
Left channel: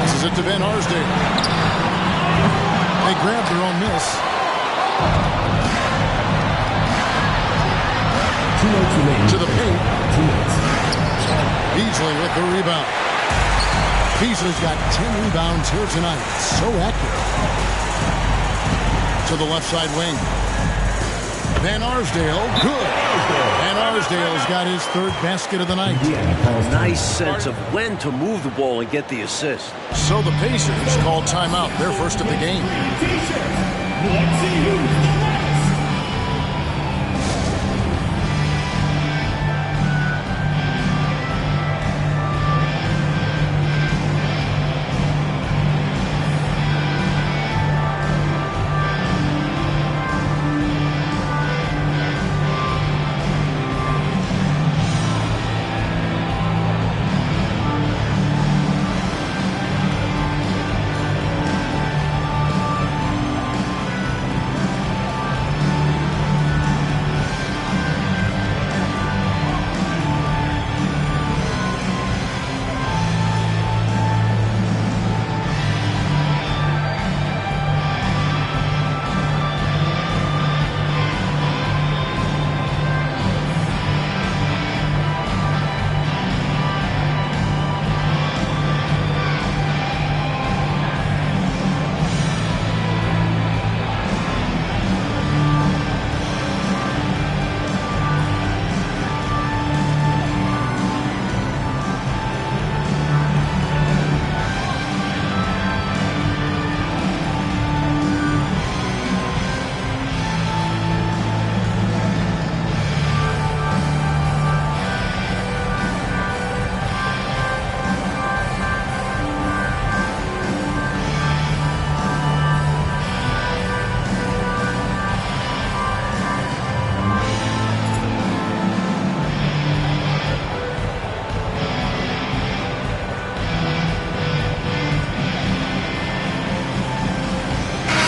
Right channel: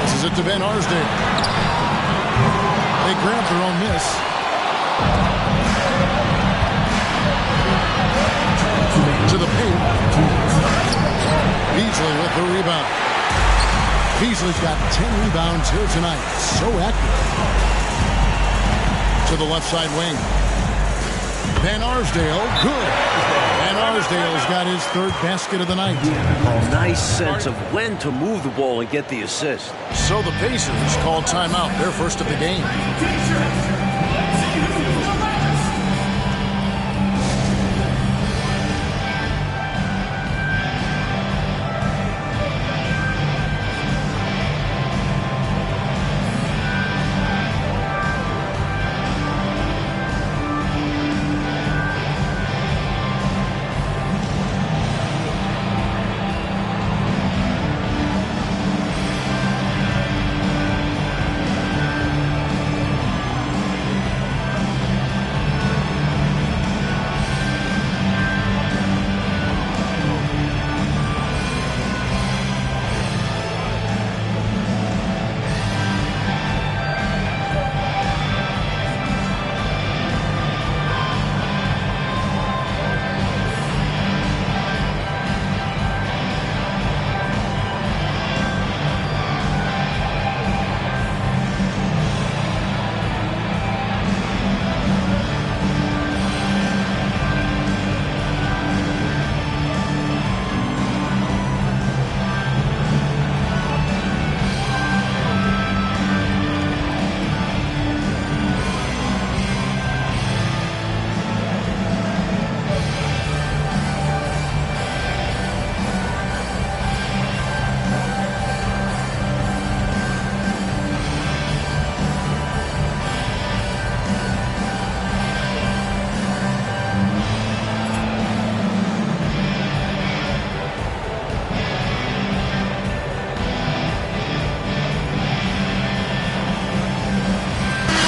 This is it to Van Arsdale. They grab their own miss. To the paint. Beasley with the rebound. Beasley's got 10 rebounds here tonight. So active. To the left side wing. Van Arsdale, good. Van Arsdale's got his 3rd basket of the night. A nice sense of when to move the ball and get the assist. So the Pacers call timeout, their first of the game.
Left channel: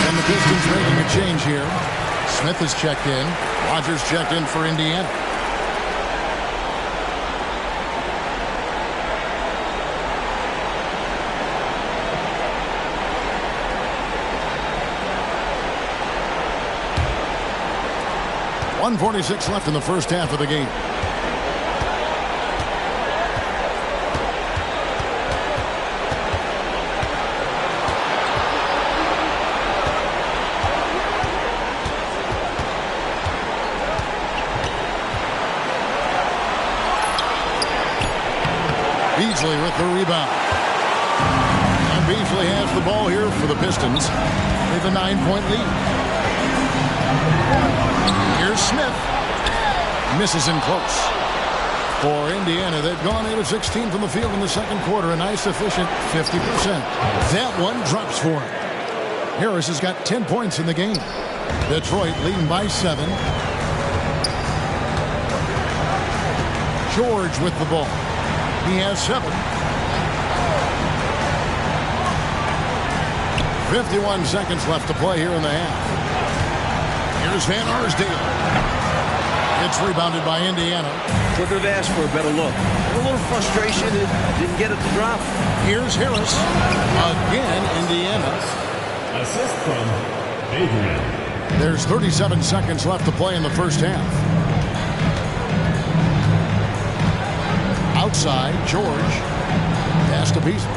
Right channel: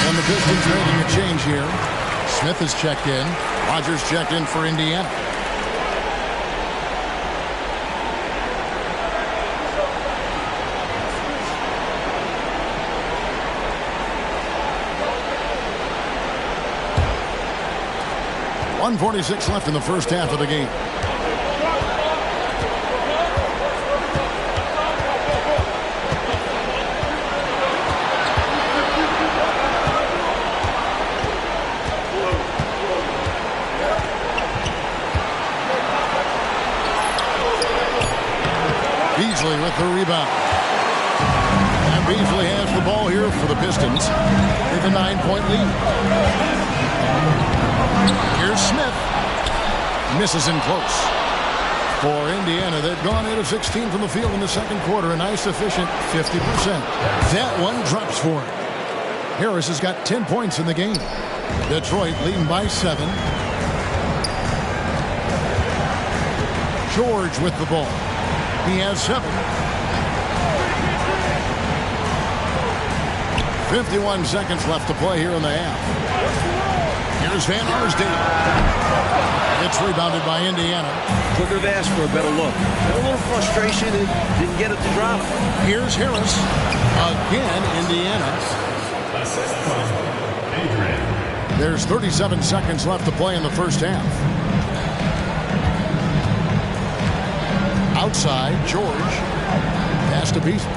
And the Pistons making a change here. Smith has checked in. Rogers checked in for Indiana. .146 left in the first half of the game. Beasley with the rebound. And Beasley has the ball here for the Pistons. They have a 9-point lead. Here's Smith. Misses in close. For Indiana, they've gone 8 of 16 from the field in the second quarter. A nice, efficient 50%. That one drops for him. Harris has got 10 points in the game. Detroit leading by 7. George with the ball. He has 7. 51 seconds left to play here in the half. Here's Van Arsdale. It's rebounded by Indiana. Couldn't have asked for a better look. A little frustration and didn't get it to drop. Here's Harris. Again, Indiana. Assist from Adrian. There's 37 seconds left to play in the first half. Outside, George. Pass to Beasley.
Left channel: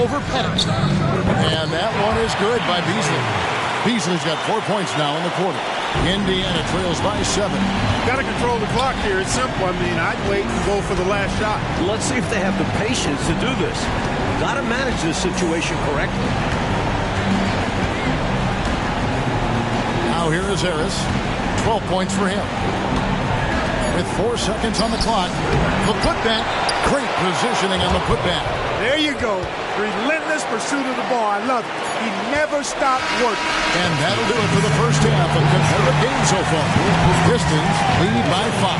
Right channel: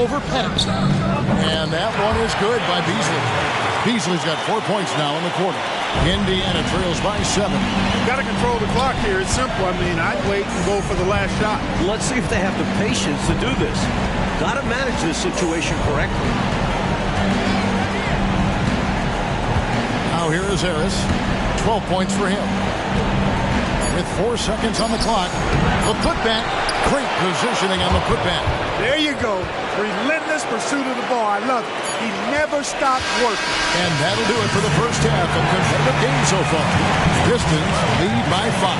Over Pettit. And that one is good by Beasley. Beasley's got 4 points now in the quarter. Indiana trails by 7. Got to control the clock here. It's simple. I mean, I'd wait and go for the last shot. Let's see if they have the patience to do this. Got to manage this situation correctly. Now here is Harris. 12 points for him. With 4 seconds on the clock. The putback. Great positioning on the putback. There you go. Relentless pursuit of the ball. I love it. He never stopped working. And that'll do it for the first half of competitive game so far. Pistons lead by 5.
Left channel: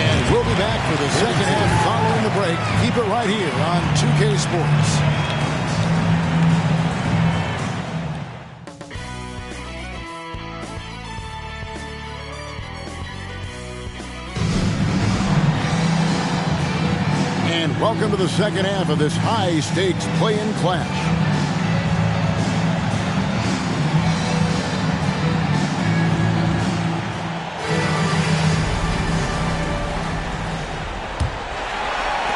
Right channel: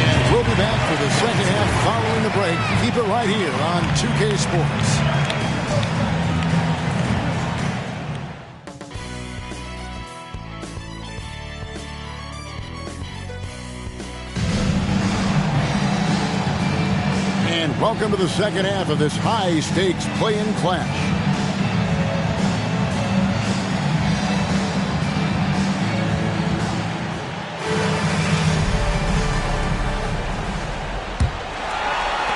And we'll be back for the second half following the break. Keep it right here on 2K Sports. And welcome to the second half of this high-stakes play-in clash.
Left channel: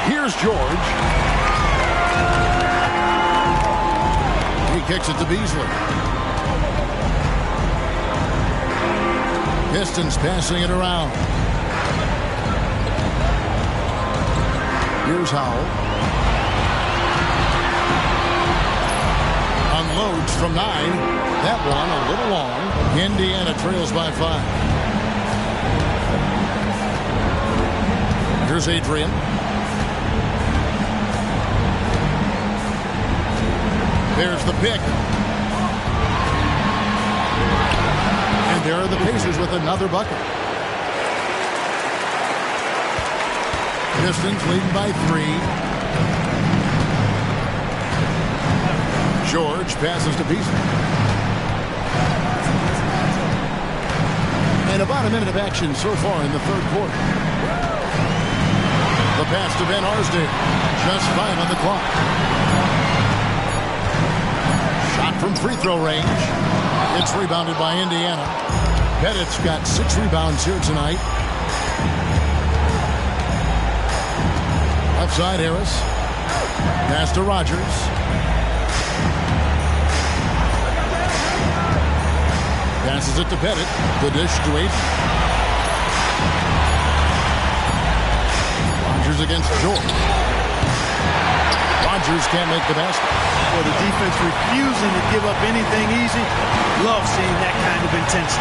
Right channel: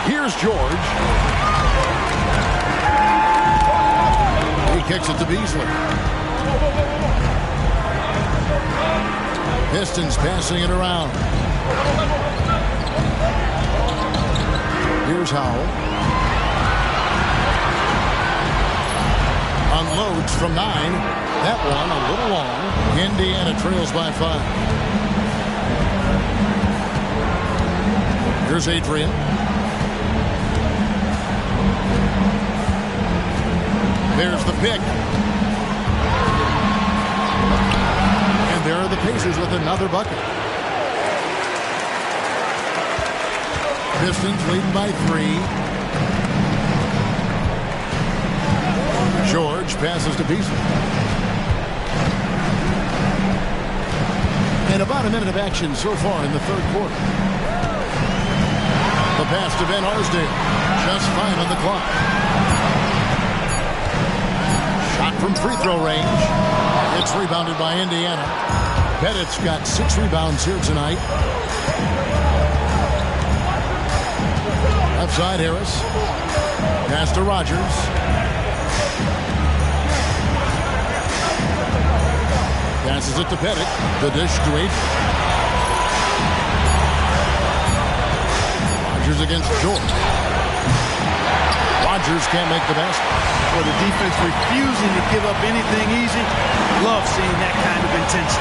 Here's George. He kicks it to Beasley. Pistons passing it around. Here's Howell. Unloads from 9. That one a little long. Indiana trails by 5. Here's Adrian. There's the pick. And there are the Pacers with another bucket. Pistons leading by 3. George passes to Beasley. And about a minute of action so far in the third quarter. The pass to Van Arsdale. Just 5 on the clock. Shot from free throw range. It's rebounded by Indiana. Pettit's got 6 rebounds here tonight. Left side, Harris. Pass to Rogers. Passes it to Pettit. The dish to Adrian. Rogers against George. Rogers can't make the basket. For the defense refusing to give up anything easy. Love seeing that kind of intensity.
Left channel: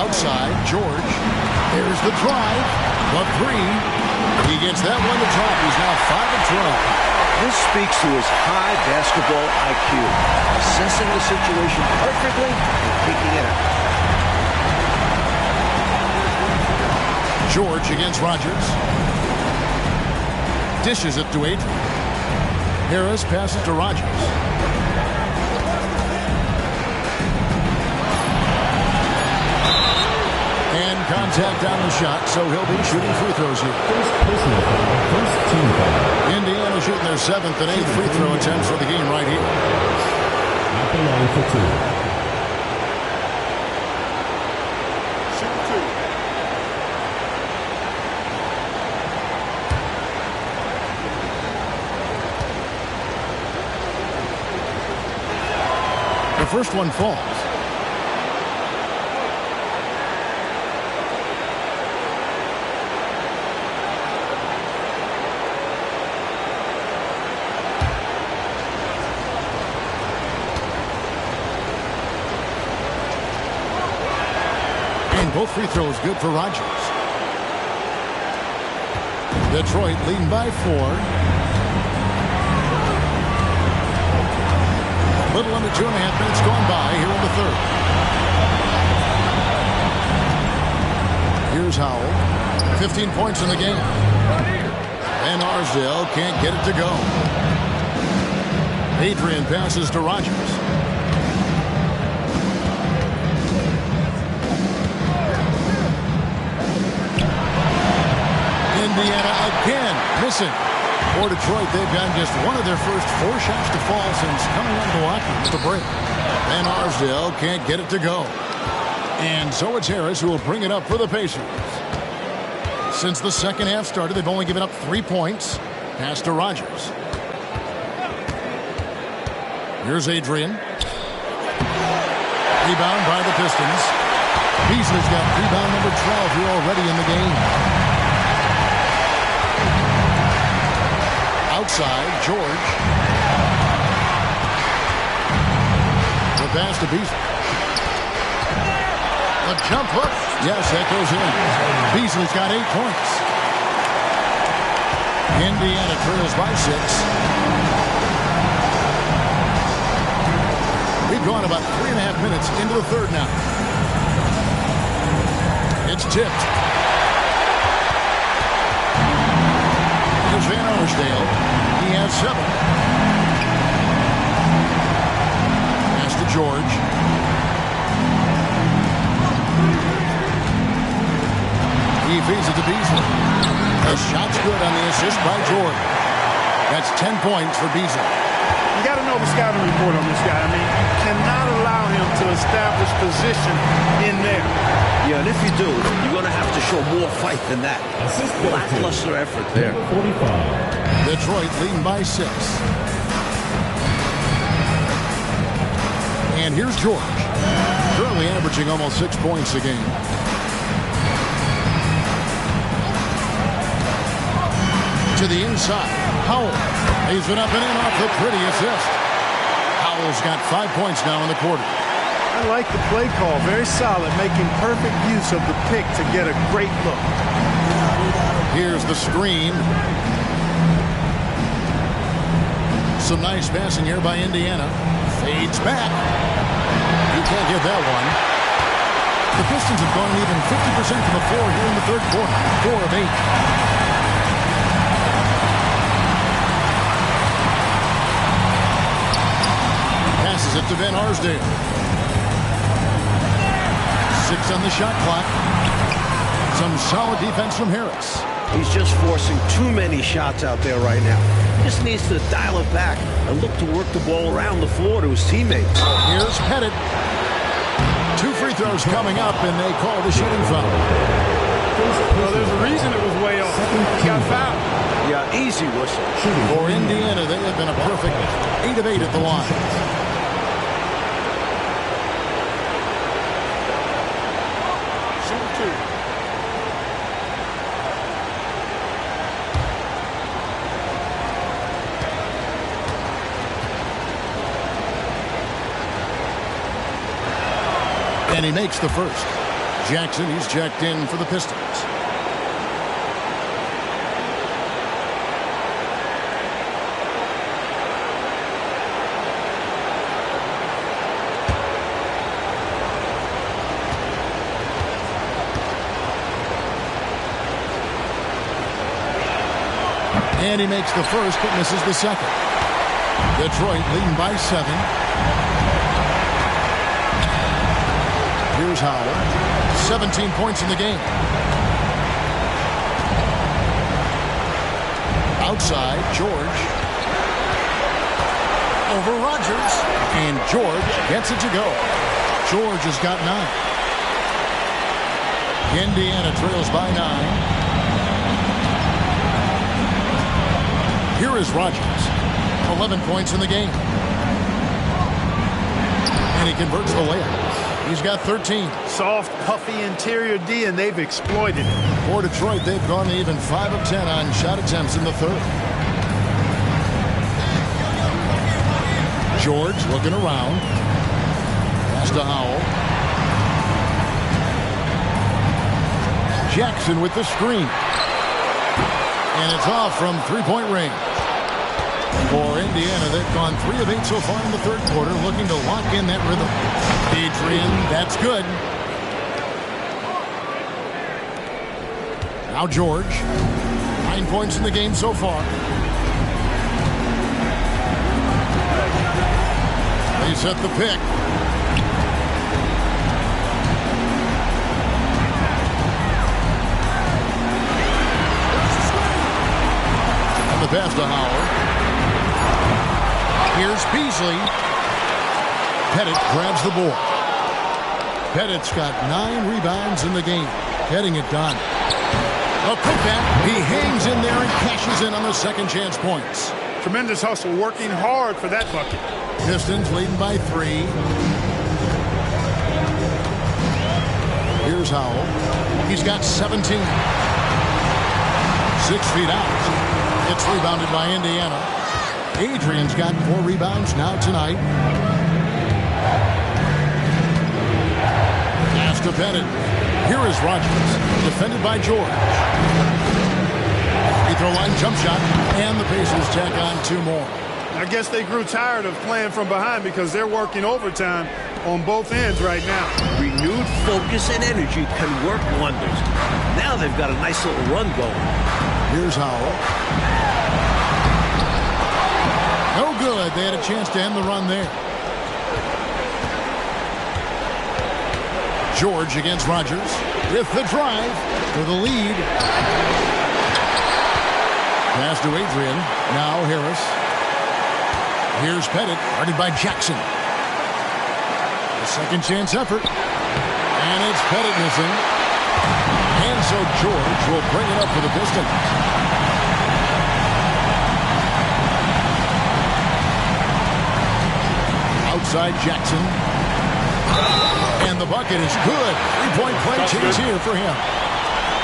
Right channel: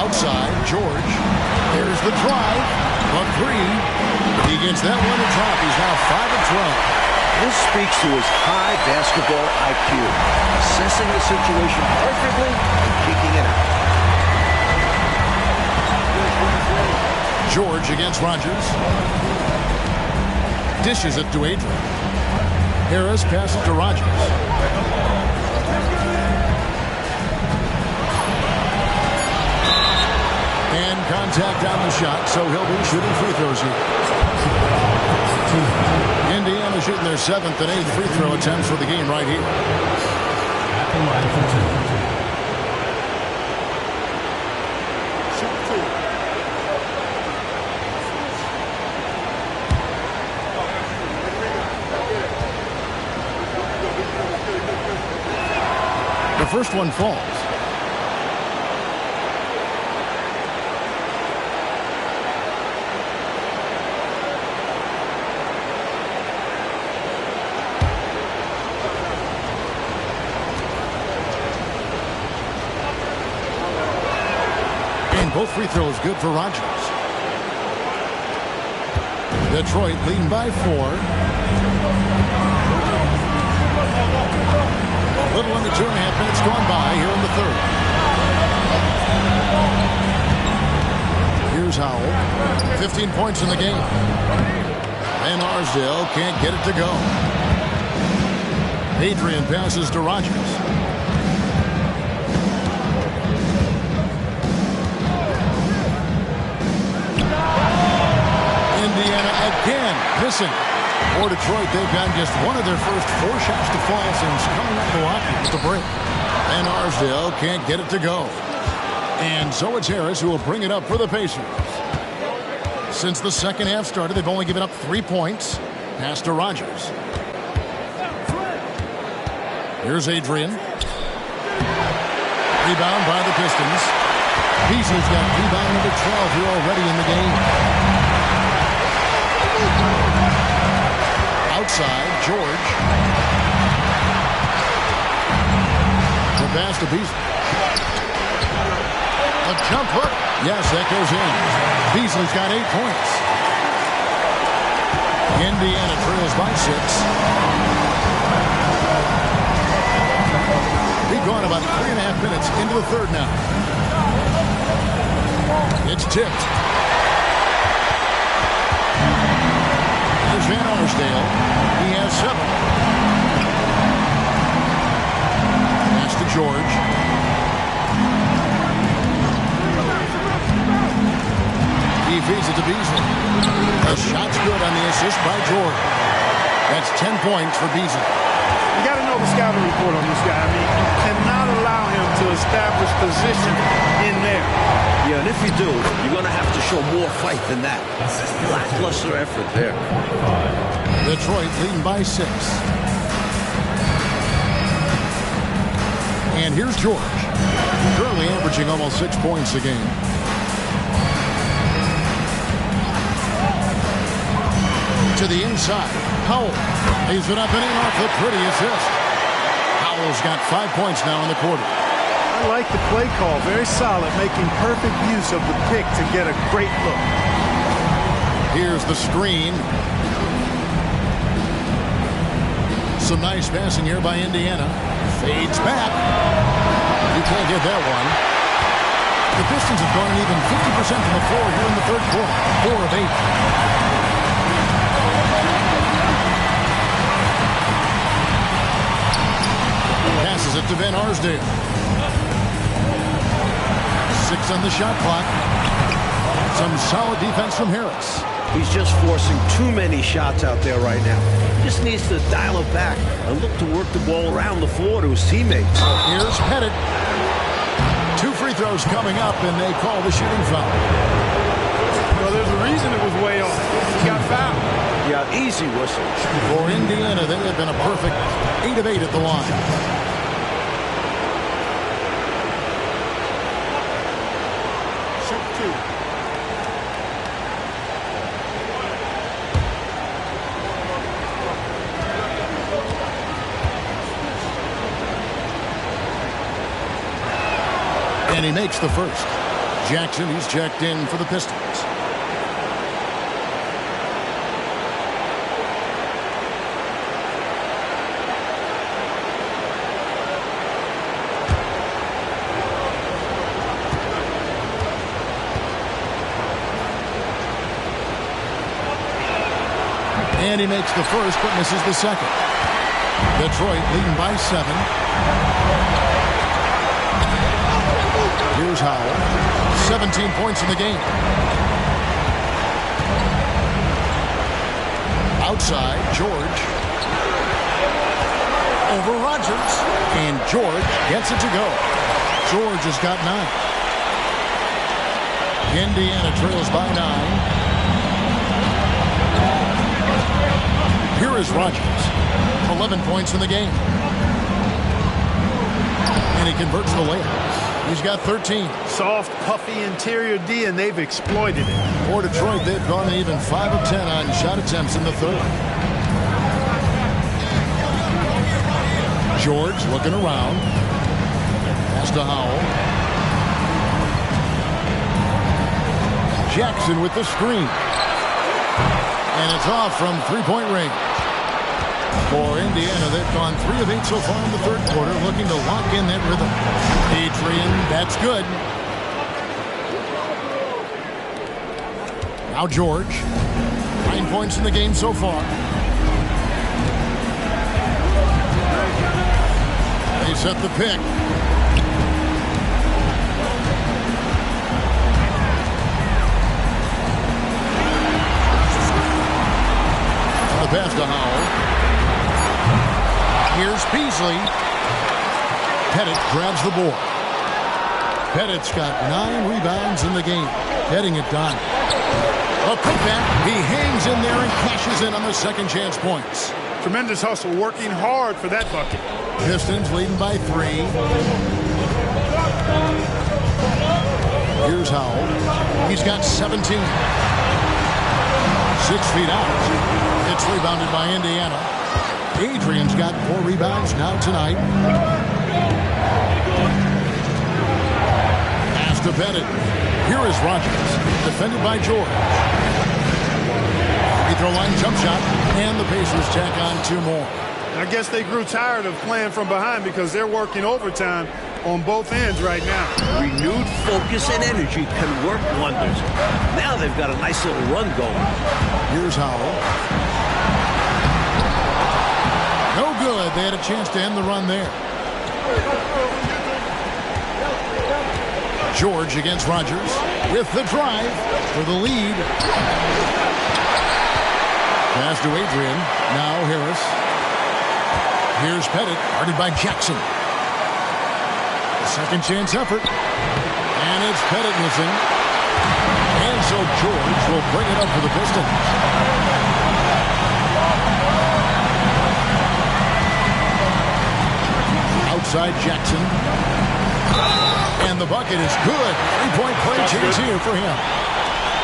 Outside, George. There's the drive. The 3. He gets that one to drop. He's now 5 of 12. This speaks to his high basketball IQ, assessing the situation perfectly and kicking it out. George against Rogers. Dishes it to Adrian. Harris passes to Rogers. And contact on the shot, so he'll be shooting free throws here. Indiana shooting their 7th and 8th free throw attempts for the game right here. At the line for 2. Shoot 2. The first one falls. Both free throws good for Rogers. Detroit leading by 4. A little under 2.5 minutes gone by here in the third. Here's Howell. 15 points in the game. Van Arsdale can't get it to go. Adrian passes to Rogers. Indiana again missing. For Detroit, they've gotten just one of their first 4 shots to fall since coming out of the locker room with the break. Van Arsdale can't get it to go. And so it's Harris who will bring it up for the Pacers. Since the second half started, they've only given up 3 points. Pass to Rogers. Here's Adrian. Rebound by the Pistons. Beasley's got rebound number 12 here already in the game. Outside, George. The pass to Beasley. The jump hook. Yes, that goes in. Beasley's got 8 points. Indiana trails by 6. We've gone about 3.5 minutes into the third now. It's tipped. Here's Van Arsdale. He has 7. Pass to George. He feeds it to Beasley. The shot's good on the assist by George. That's 10 points for Beasley. You got to know the scouting report on this guy. I mean, you cannot allow him to establish position in there. Yeah, and if you do, you're going to have to show more fight than that. Lackluster effort there. 45. Detroit leading by 6. And here's George. Currently averaging almost 6 points a game. To the inside, Howell lays it up and in off the pretty assist. Howell's got 5 points now in the quarter. I like the play call. Very solid, making perfect use of the pick to get a great look. Here's the screen. Some nice passing here by Indiana. Fades back. You can't get that one. The Pistons have gone an even 50% from the floor here in the third quarter. 4 of 8. Passes it to Van Arsdale. 6 on the shot clock. Some solid defense from Harris. He's just forcing too many shots out there right now. He just needs to dial it back and look to work the ball around the floor to his teammates. Here's Pettit. 2 free throws coming up, and they call the shooting foul. Well, there's a reason it was way off. He got fouled. Yeah, easy whistle. For Indiana, they have been a perfect 8 of 8 at the line. Shoot 2. And he makes the first. Jackson, he's checked in for the Pistons. And he makes the first, but misses the second. Detroit leading by 7. Here's Howell. 17 points in the game. Outside, George. Over Rogers. And George gets it to go. George has got 9. Indiana trails by 9. Here is Rogers. 11 points in the game. And he converts the layup. He's got 13. Soft, puffy interior D, and they've exploited it. For Detroit, they've gone even 5 of 10 on shot attempts in the third. George looking around. Pass to Howell. Jackson with the screen. And it's off from three-point range. For Indiana, they've gone 3 of 8 so far in the third quarter, looking to lock in that rhythm. Adrian, that's good. Now George. 9 points in the game so far. They set the pick. And the pass to Howell. Here's Beasley. Pettit grabs the board. Pettit's got 9 rebounds in the game, getting it done. A putback. He hangs in there and cashes in on the second chance points. Tremendous hustle, working hard for that bucket. Pistons leading by 3. Here's Howell. He's got 17. 6 feet out. It's rebounded by Indiana. Adrian's got 4 rebounds now tonight. Pass to Pettit. Here is Rogers, defended by George. Free throw line jump shot, and the Pacers tack on 2 more. I guess they grew tired of playing from behind because they're working overtime on both ends right now. Renewed focus and energy can work wonders. Now they've got a nice little run going. Here's Howell. No good. They had a chance to end the run there. George against Rogers with the drive for the lead. Pass to Adrian. Now Harris. Here's Pettit, guarded by Jackson. A second chance effort. And it's Pettit missing. And so George will bring it up for the Pistons. Outside Jackson. And the bucket is good. 3-point play change here for him.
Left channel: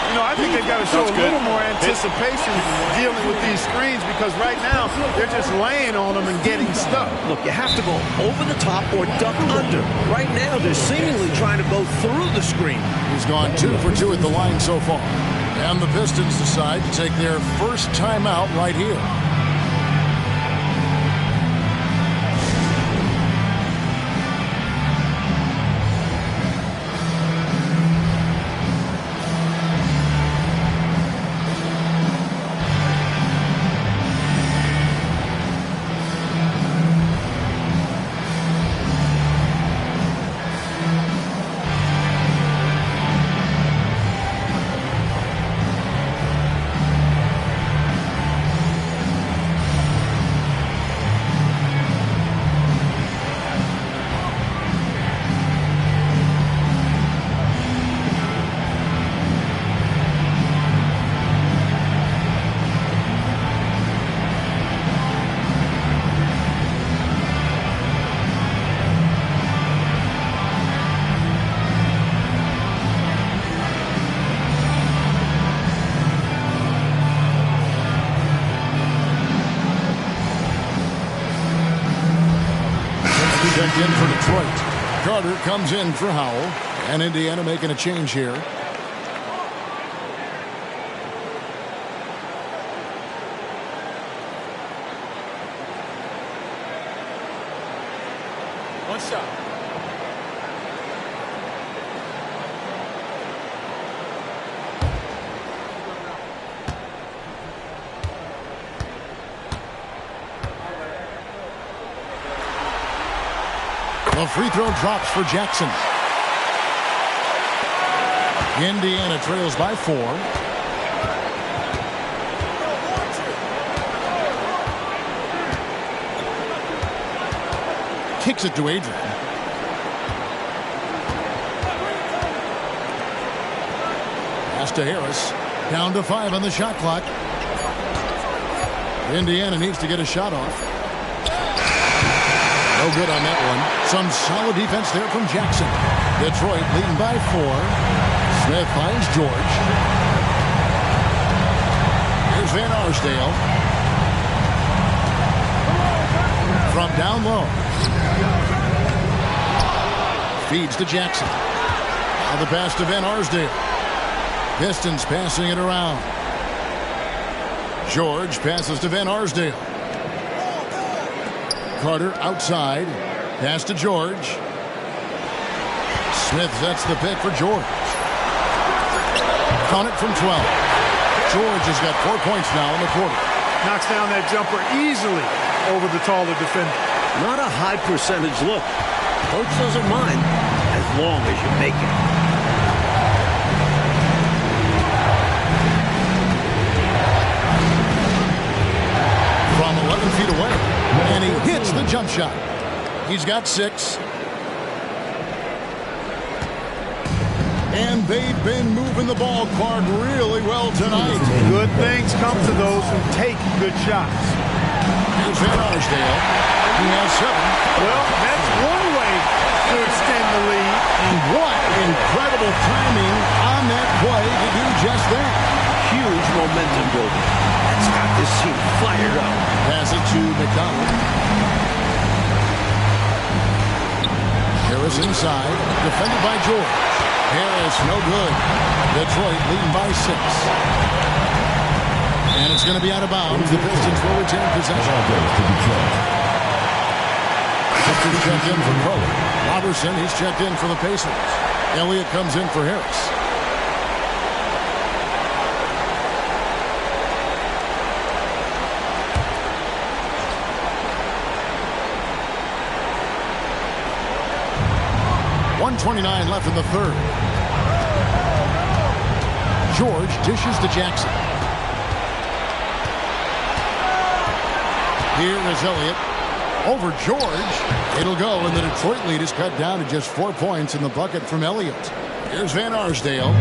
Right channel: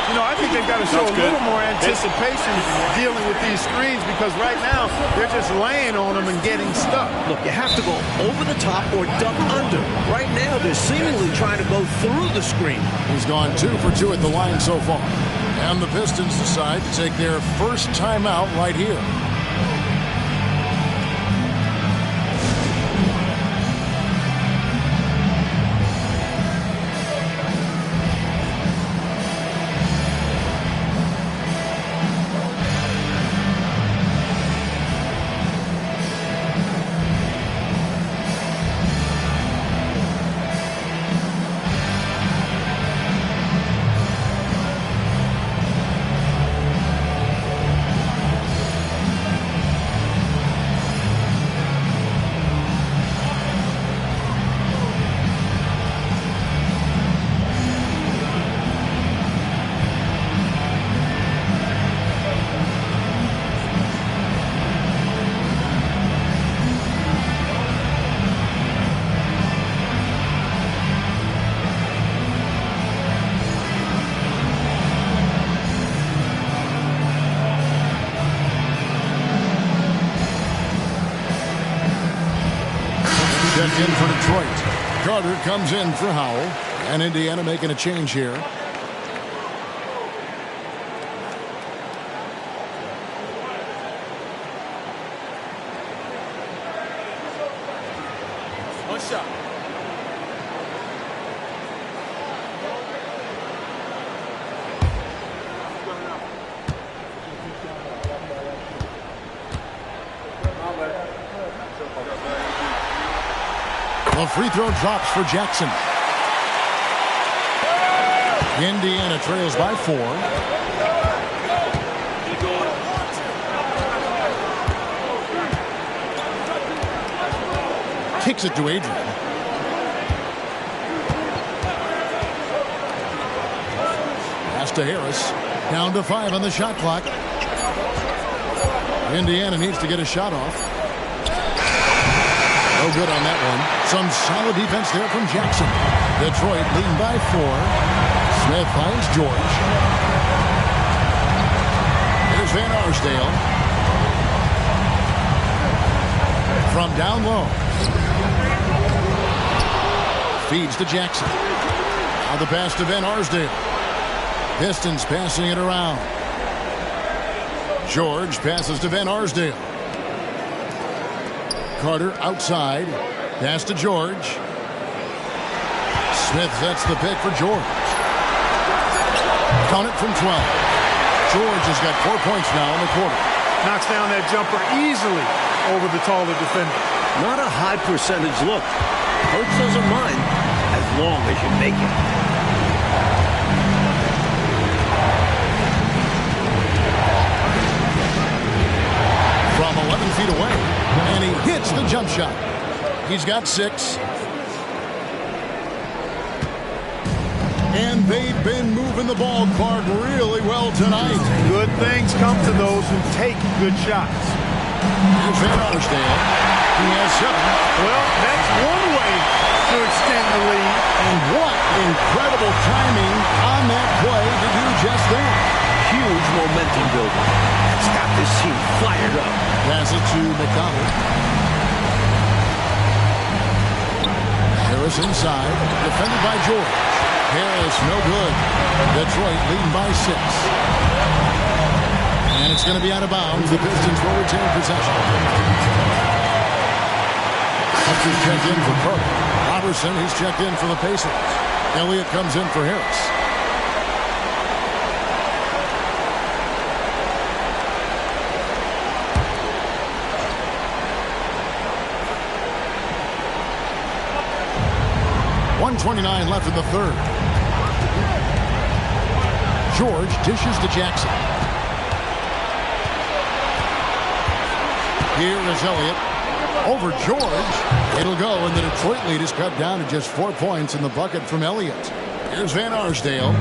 You know, I think they've got to show a little more anticipation dealing with these screens because right now they're just laying on them and getting stuck. Look, you have to go over the top or duck under. Right now, they're seemingly trying to go through the screen. He's gone 2 for 2 at the line so far. And the Pistons decide to take their first timeout right here. Checked in for Detroit. Carter comes in for Howell. And Indiana making a change here. One shot. The free throw drops for Jackson. Indiana trails by 4. Kicks it to Adrian. Pass to Harris. Down to 5 on the shot clock. Indiana needs to get a shot off. No good on that one. Some solid defense there from Jackson. Detroit leading by 4. Smith finds George. Here's Van Arsdale. From down low. Feeds to Jackson. Now the pass to Van Arsdale. Pistons passing it around. George passes to Van Arsdale. Carter outside. Pass to George. Smith sets the pick for George. Count it from 12. George has got 4 points now in the quarter. Knocks down that jumper easily over the taller defender. Not a high percentage look. Coach doesn't mind as long as you make it. From 11 feet away, and he hits the jump shot. He's got 6. And they've been moving the ball, Clark, really well tonight. Good things come to those who take good shots. Here's Van Arsdale. He has 7. Well, that's one way to extend the lead. And what incredible timing on that play to do just that. Huge momentum builder. That's got this team fired up. Pass it to McDonald. Harris inside, defended by George. Harris, no good. Detroit leading by 6. And it's going to be out of bounds. The Pistons will retain possession. Sisters checked in for Carter. Robertson, he's checked in for the Pacers. Elliott comes in for Harris. .129 left in the third. George dishes to Jackson. Here is Elliott. Over George. It'll go, and the Detroit lead is cut down to just 4 points in the bucket from Elliott. Here's Van Arsdale.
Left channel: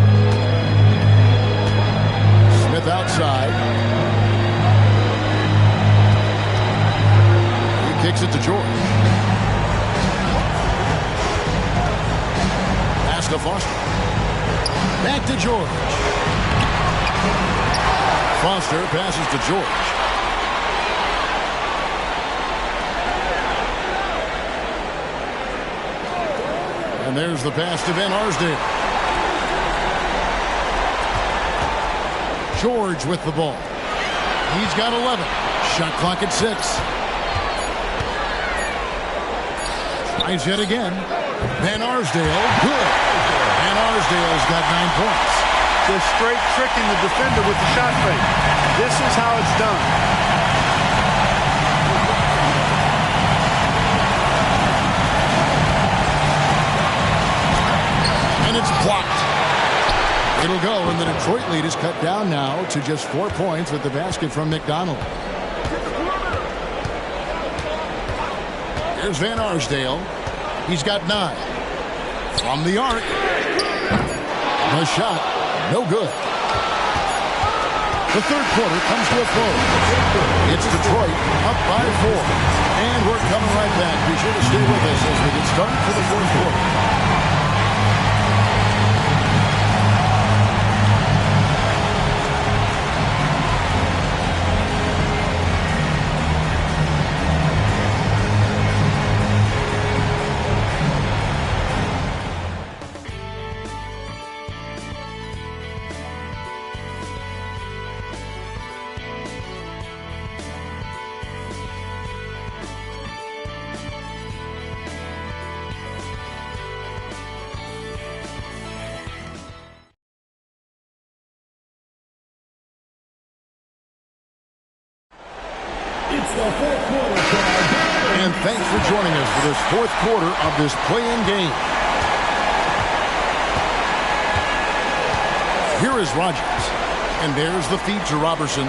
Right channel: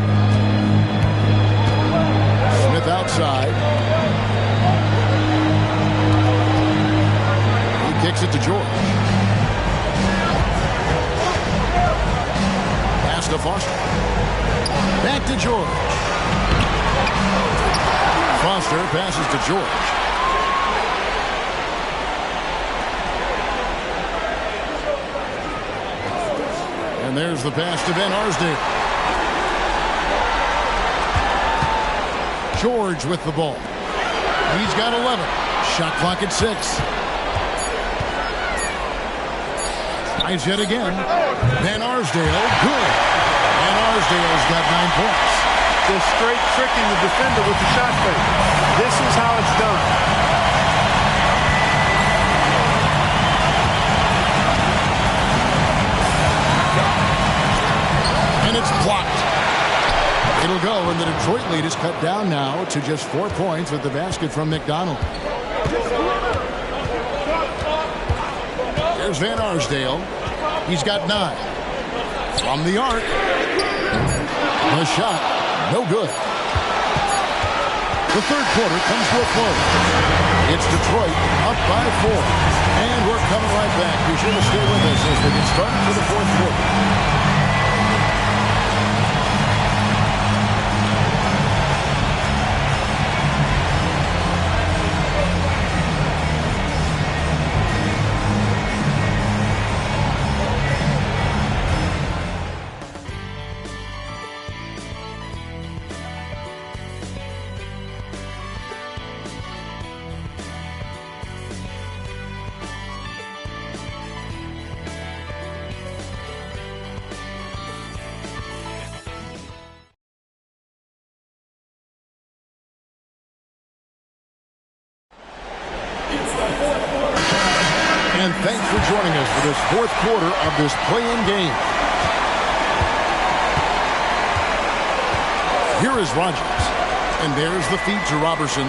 Smith outside. He kicks it to George. Pass to Foster. Back to George. Foster passes to George. And there's the pass to Van Arsdale. George with the ball. He's got 11. Shot clock at 6. Tries yet again. Van Arsdale, good. Van Arsdale's got 9 points. Just straight tricking the defender with the shot fake. This is how it's done. And it's blocked. It'll go, and the Detroit lead is cut down now to just 4 points with the basket from McDonald. Here's Van Arsdale. He's got 9. From the arc. The shot, no good. The third quarter comes to a close. It's Detroit up by 4. And we're coming right back. Be sure to stay with us as we get started for the fourth quarter. And thanks for joining us for this fourth quarter of this play-in game. Here is Rogers. And there's the feed to Robertson.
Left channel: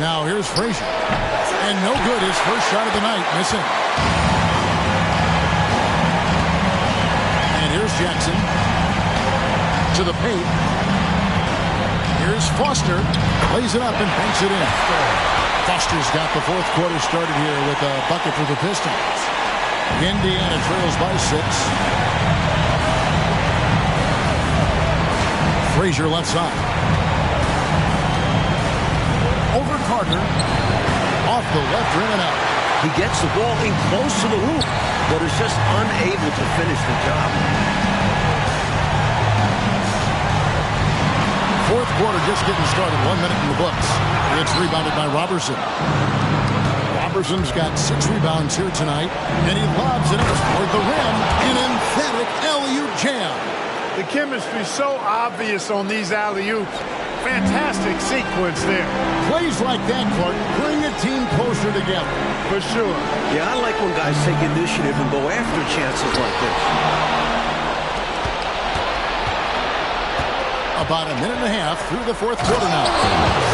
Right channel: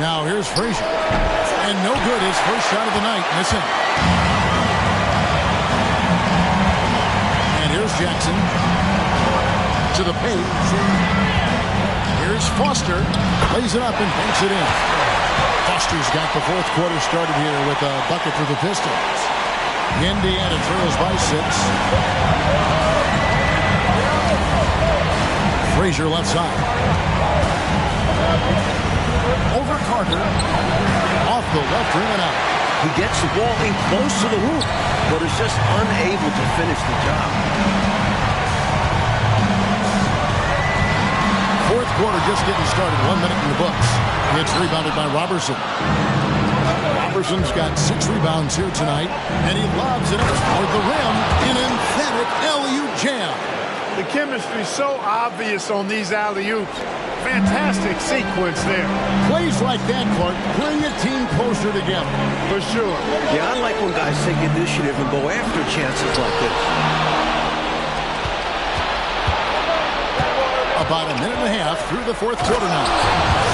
Now here's Frazier. And no good, his first shot of the night, missing. And here's Jackson. To the paint. Here's Foster. Plays it up and banks it in. Foster's got the fourth quarter started here with a bucket for the Pistons. Indiana trails by 6. Frazier left side. Over Carter. Off the left rim and out. He gets the ball in close to the hoop, but is just unable to finish the job. Fourth quarter just getting started. 1 minute in the books. It's rebounded by Robertson. Robertson's got 6 rebounds here tonight, and he lobs it up toward the rim. An emphatic alley-oop jam. The chemistry's so obvious on these alley-oops. Fantastic sequence there. Plays like that, Clark, bring a team closer together. For sure. Yeah, I like when guys take initiative and go after chances like this. About a minute and a half through the fourth quarter now.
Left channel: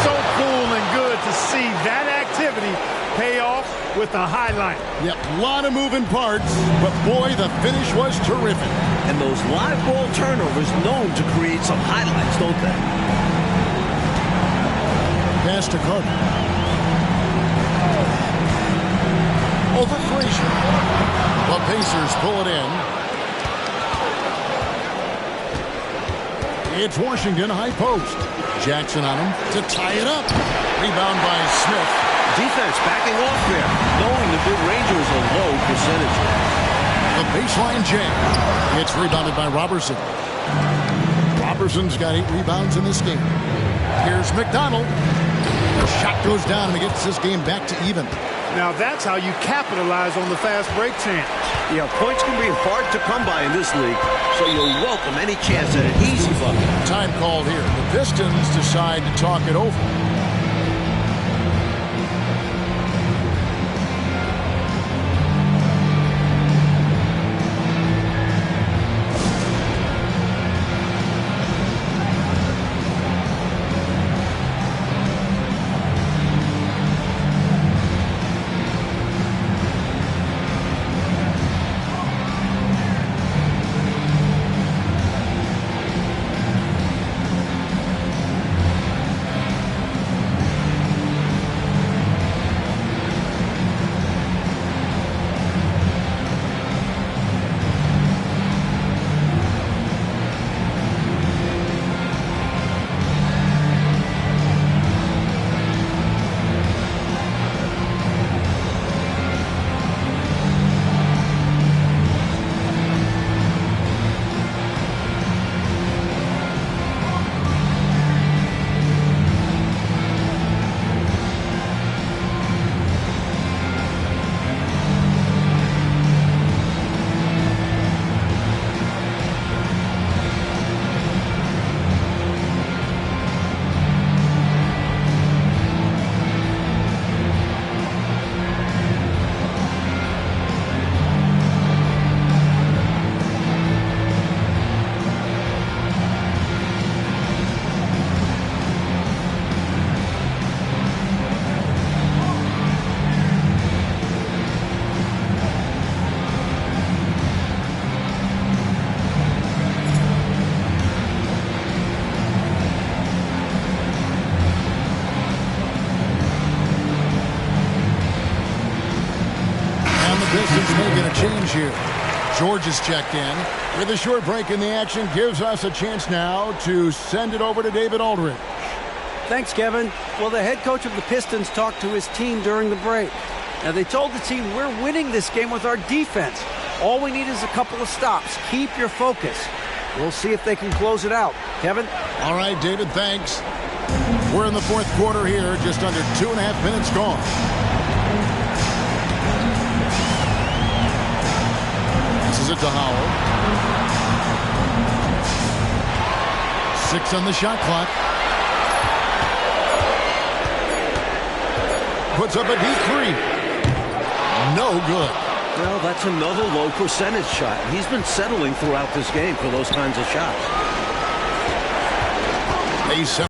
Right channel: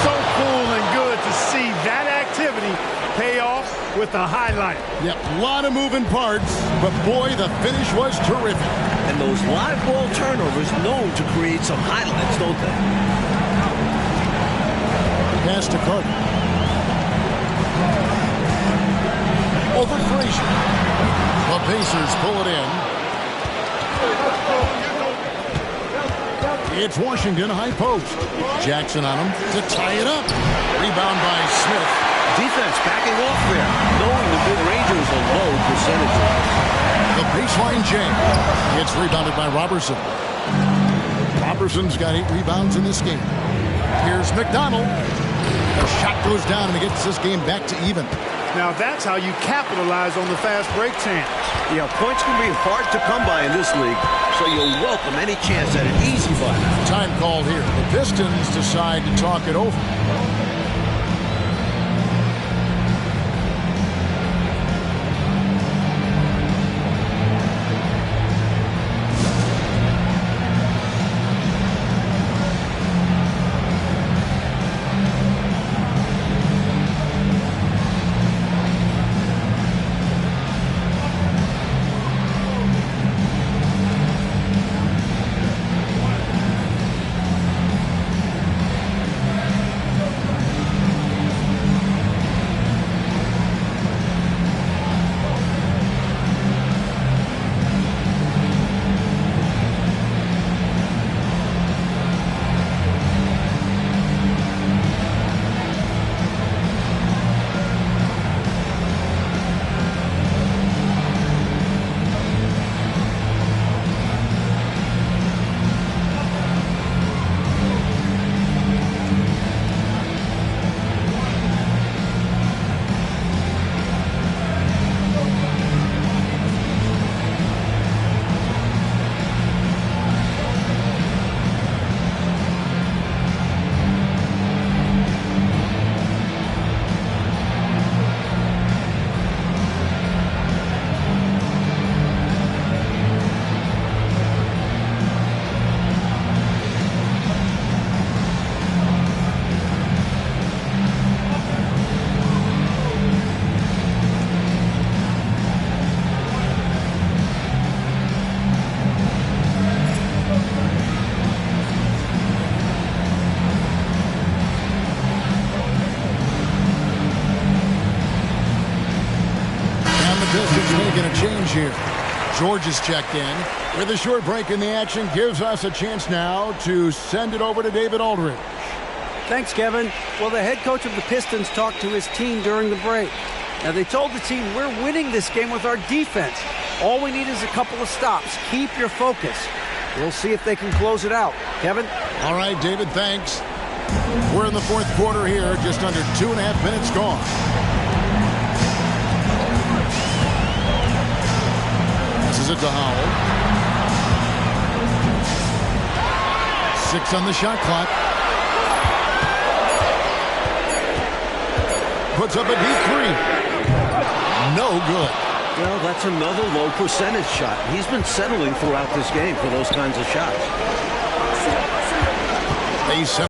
So cool and good to see that activity longevity pay off with a highlight. Yep, a lot of moving parts, but boy, the finish was terrific. And those live ball turnovers known to create some highlights, don't they? Pass to Carter. Over Frazier. The Pacers pull it in. It's Washington high post. Jackson on him to tie it up. Rebound by Smith. Defense backing off there, knowing the mid-ranger is a low percentage. The baseline jam. It's rebounded by Robertson. Robertson's got 8 rebounds in this game. Here's McDonald. The shot goes down and it gets this game back to even. Now that's how you capitalize on the fast break chance. Yeah, points can be hard to come by in this league, so you'll welcome any chance at an easy bucket. Time called here. The Pistons decide to talk it over. Pistons making a change here. George is checked in. With a short break in the action, gives us a chance now to send it over to David Aldridge. Thanks, Kevin. Well, the head coach of the Pistons talked to his team during the break. Now, they told the team, we're winning this game with our defense. All we need is a couple of stops. Keep your focus. We'll see if they can close it out. Kevin? All right, David, thanks. We're in the fourth quarter here, just under 2.5 minutes gone. Passes it to Howell. 6 on the shot clock. Puts up a deep 3. No good. Well, that's another low percentage shot. He's been settling throughout this game for those kinds of shots.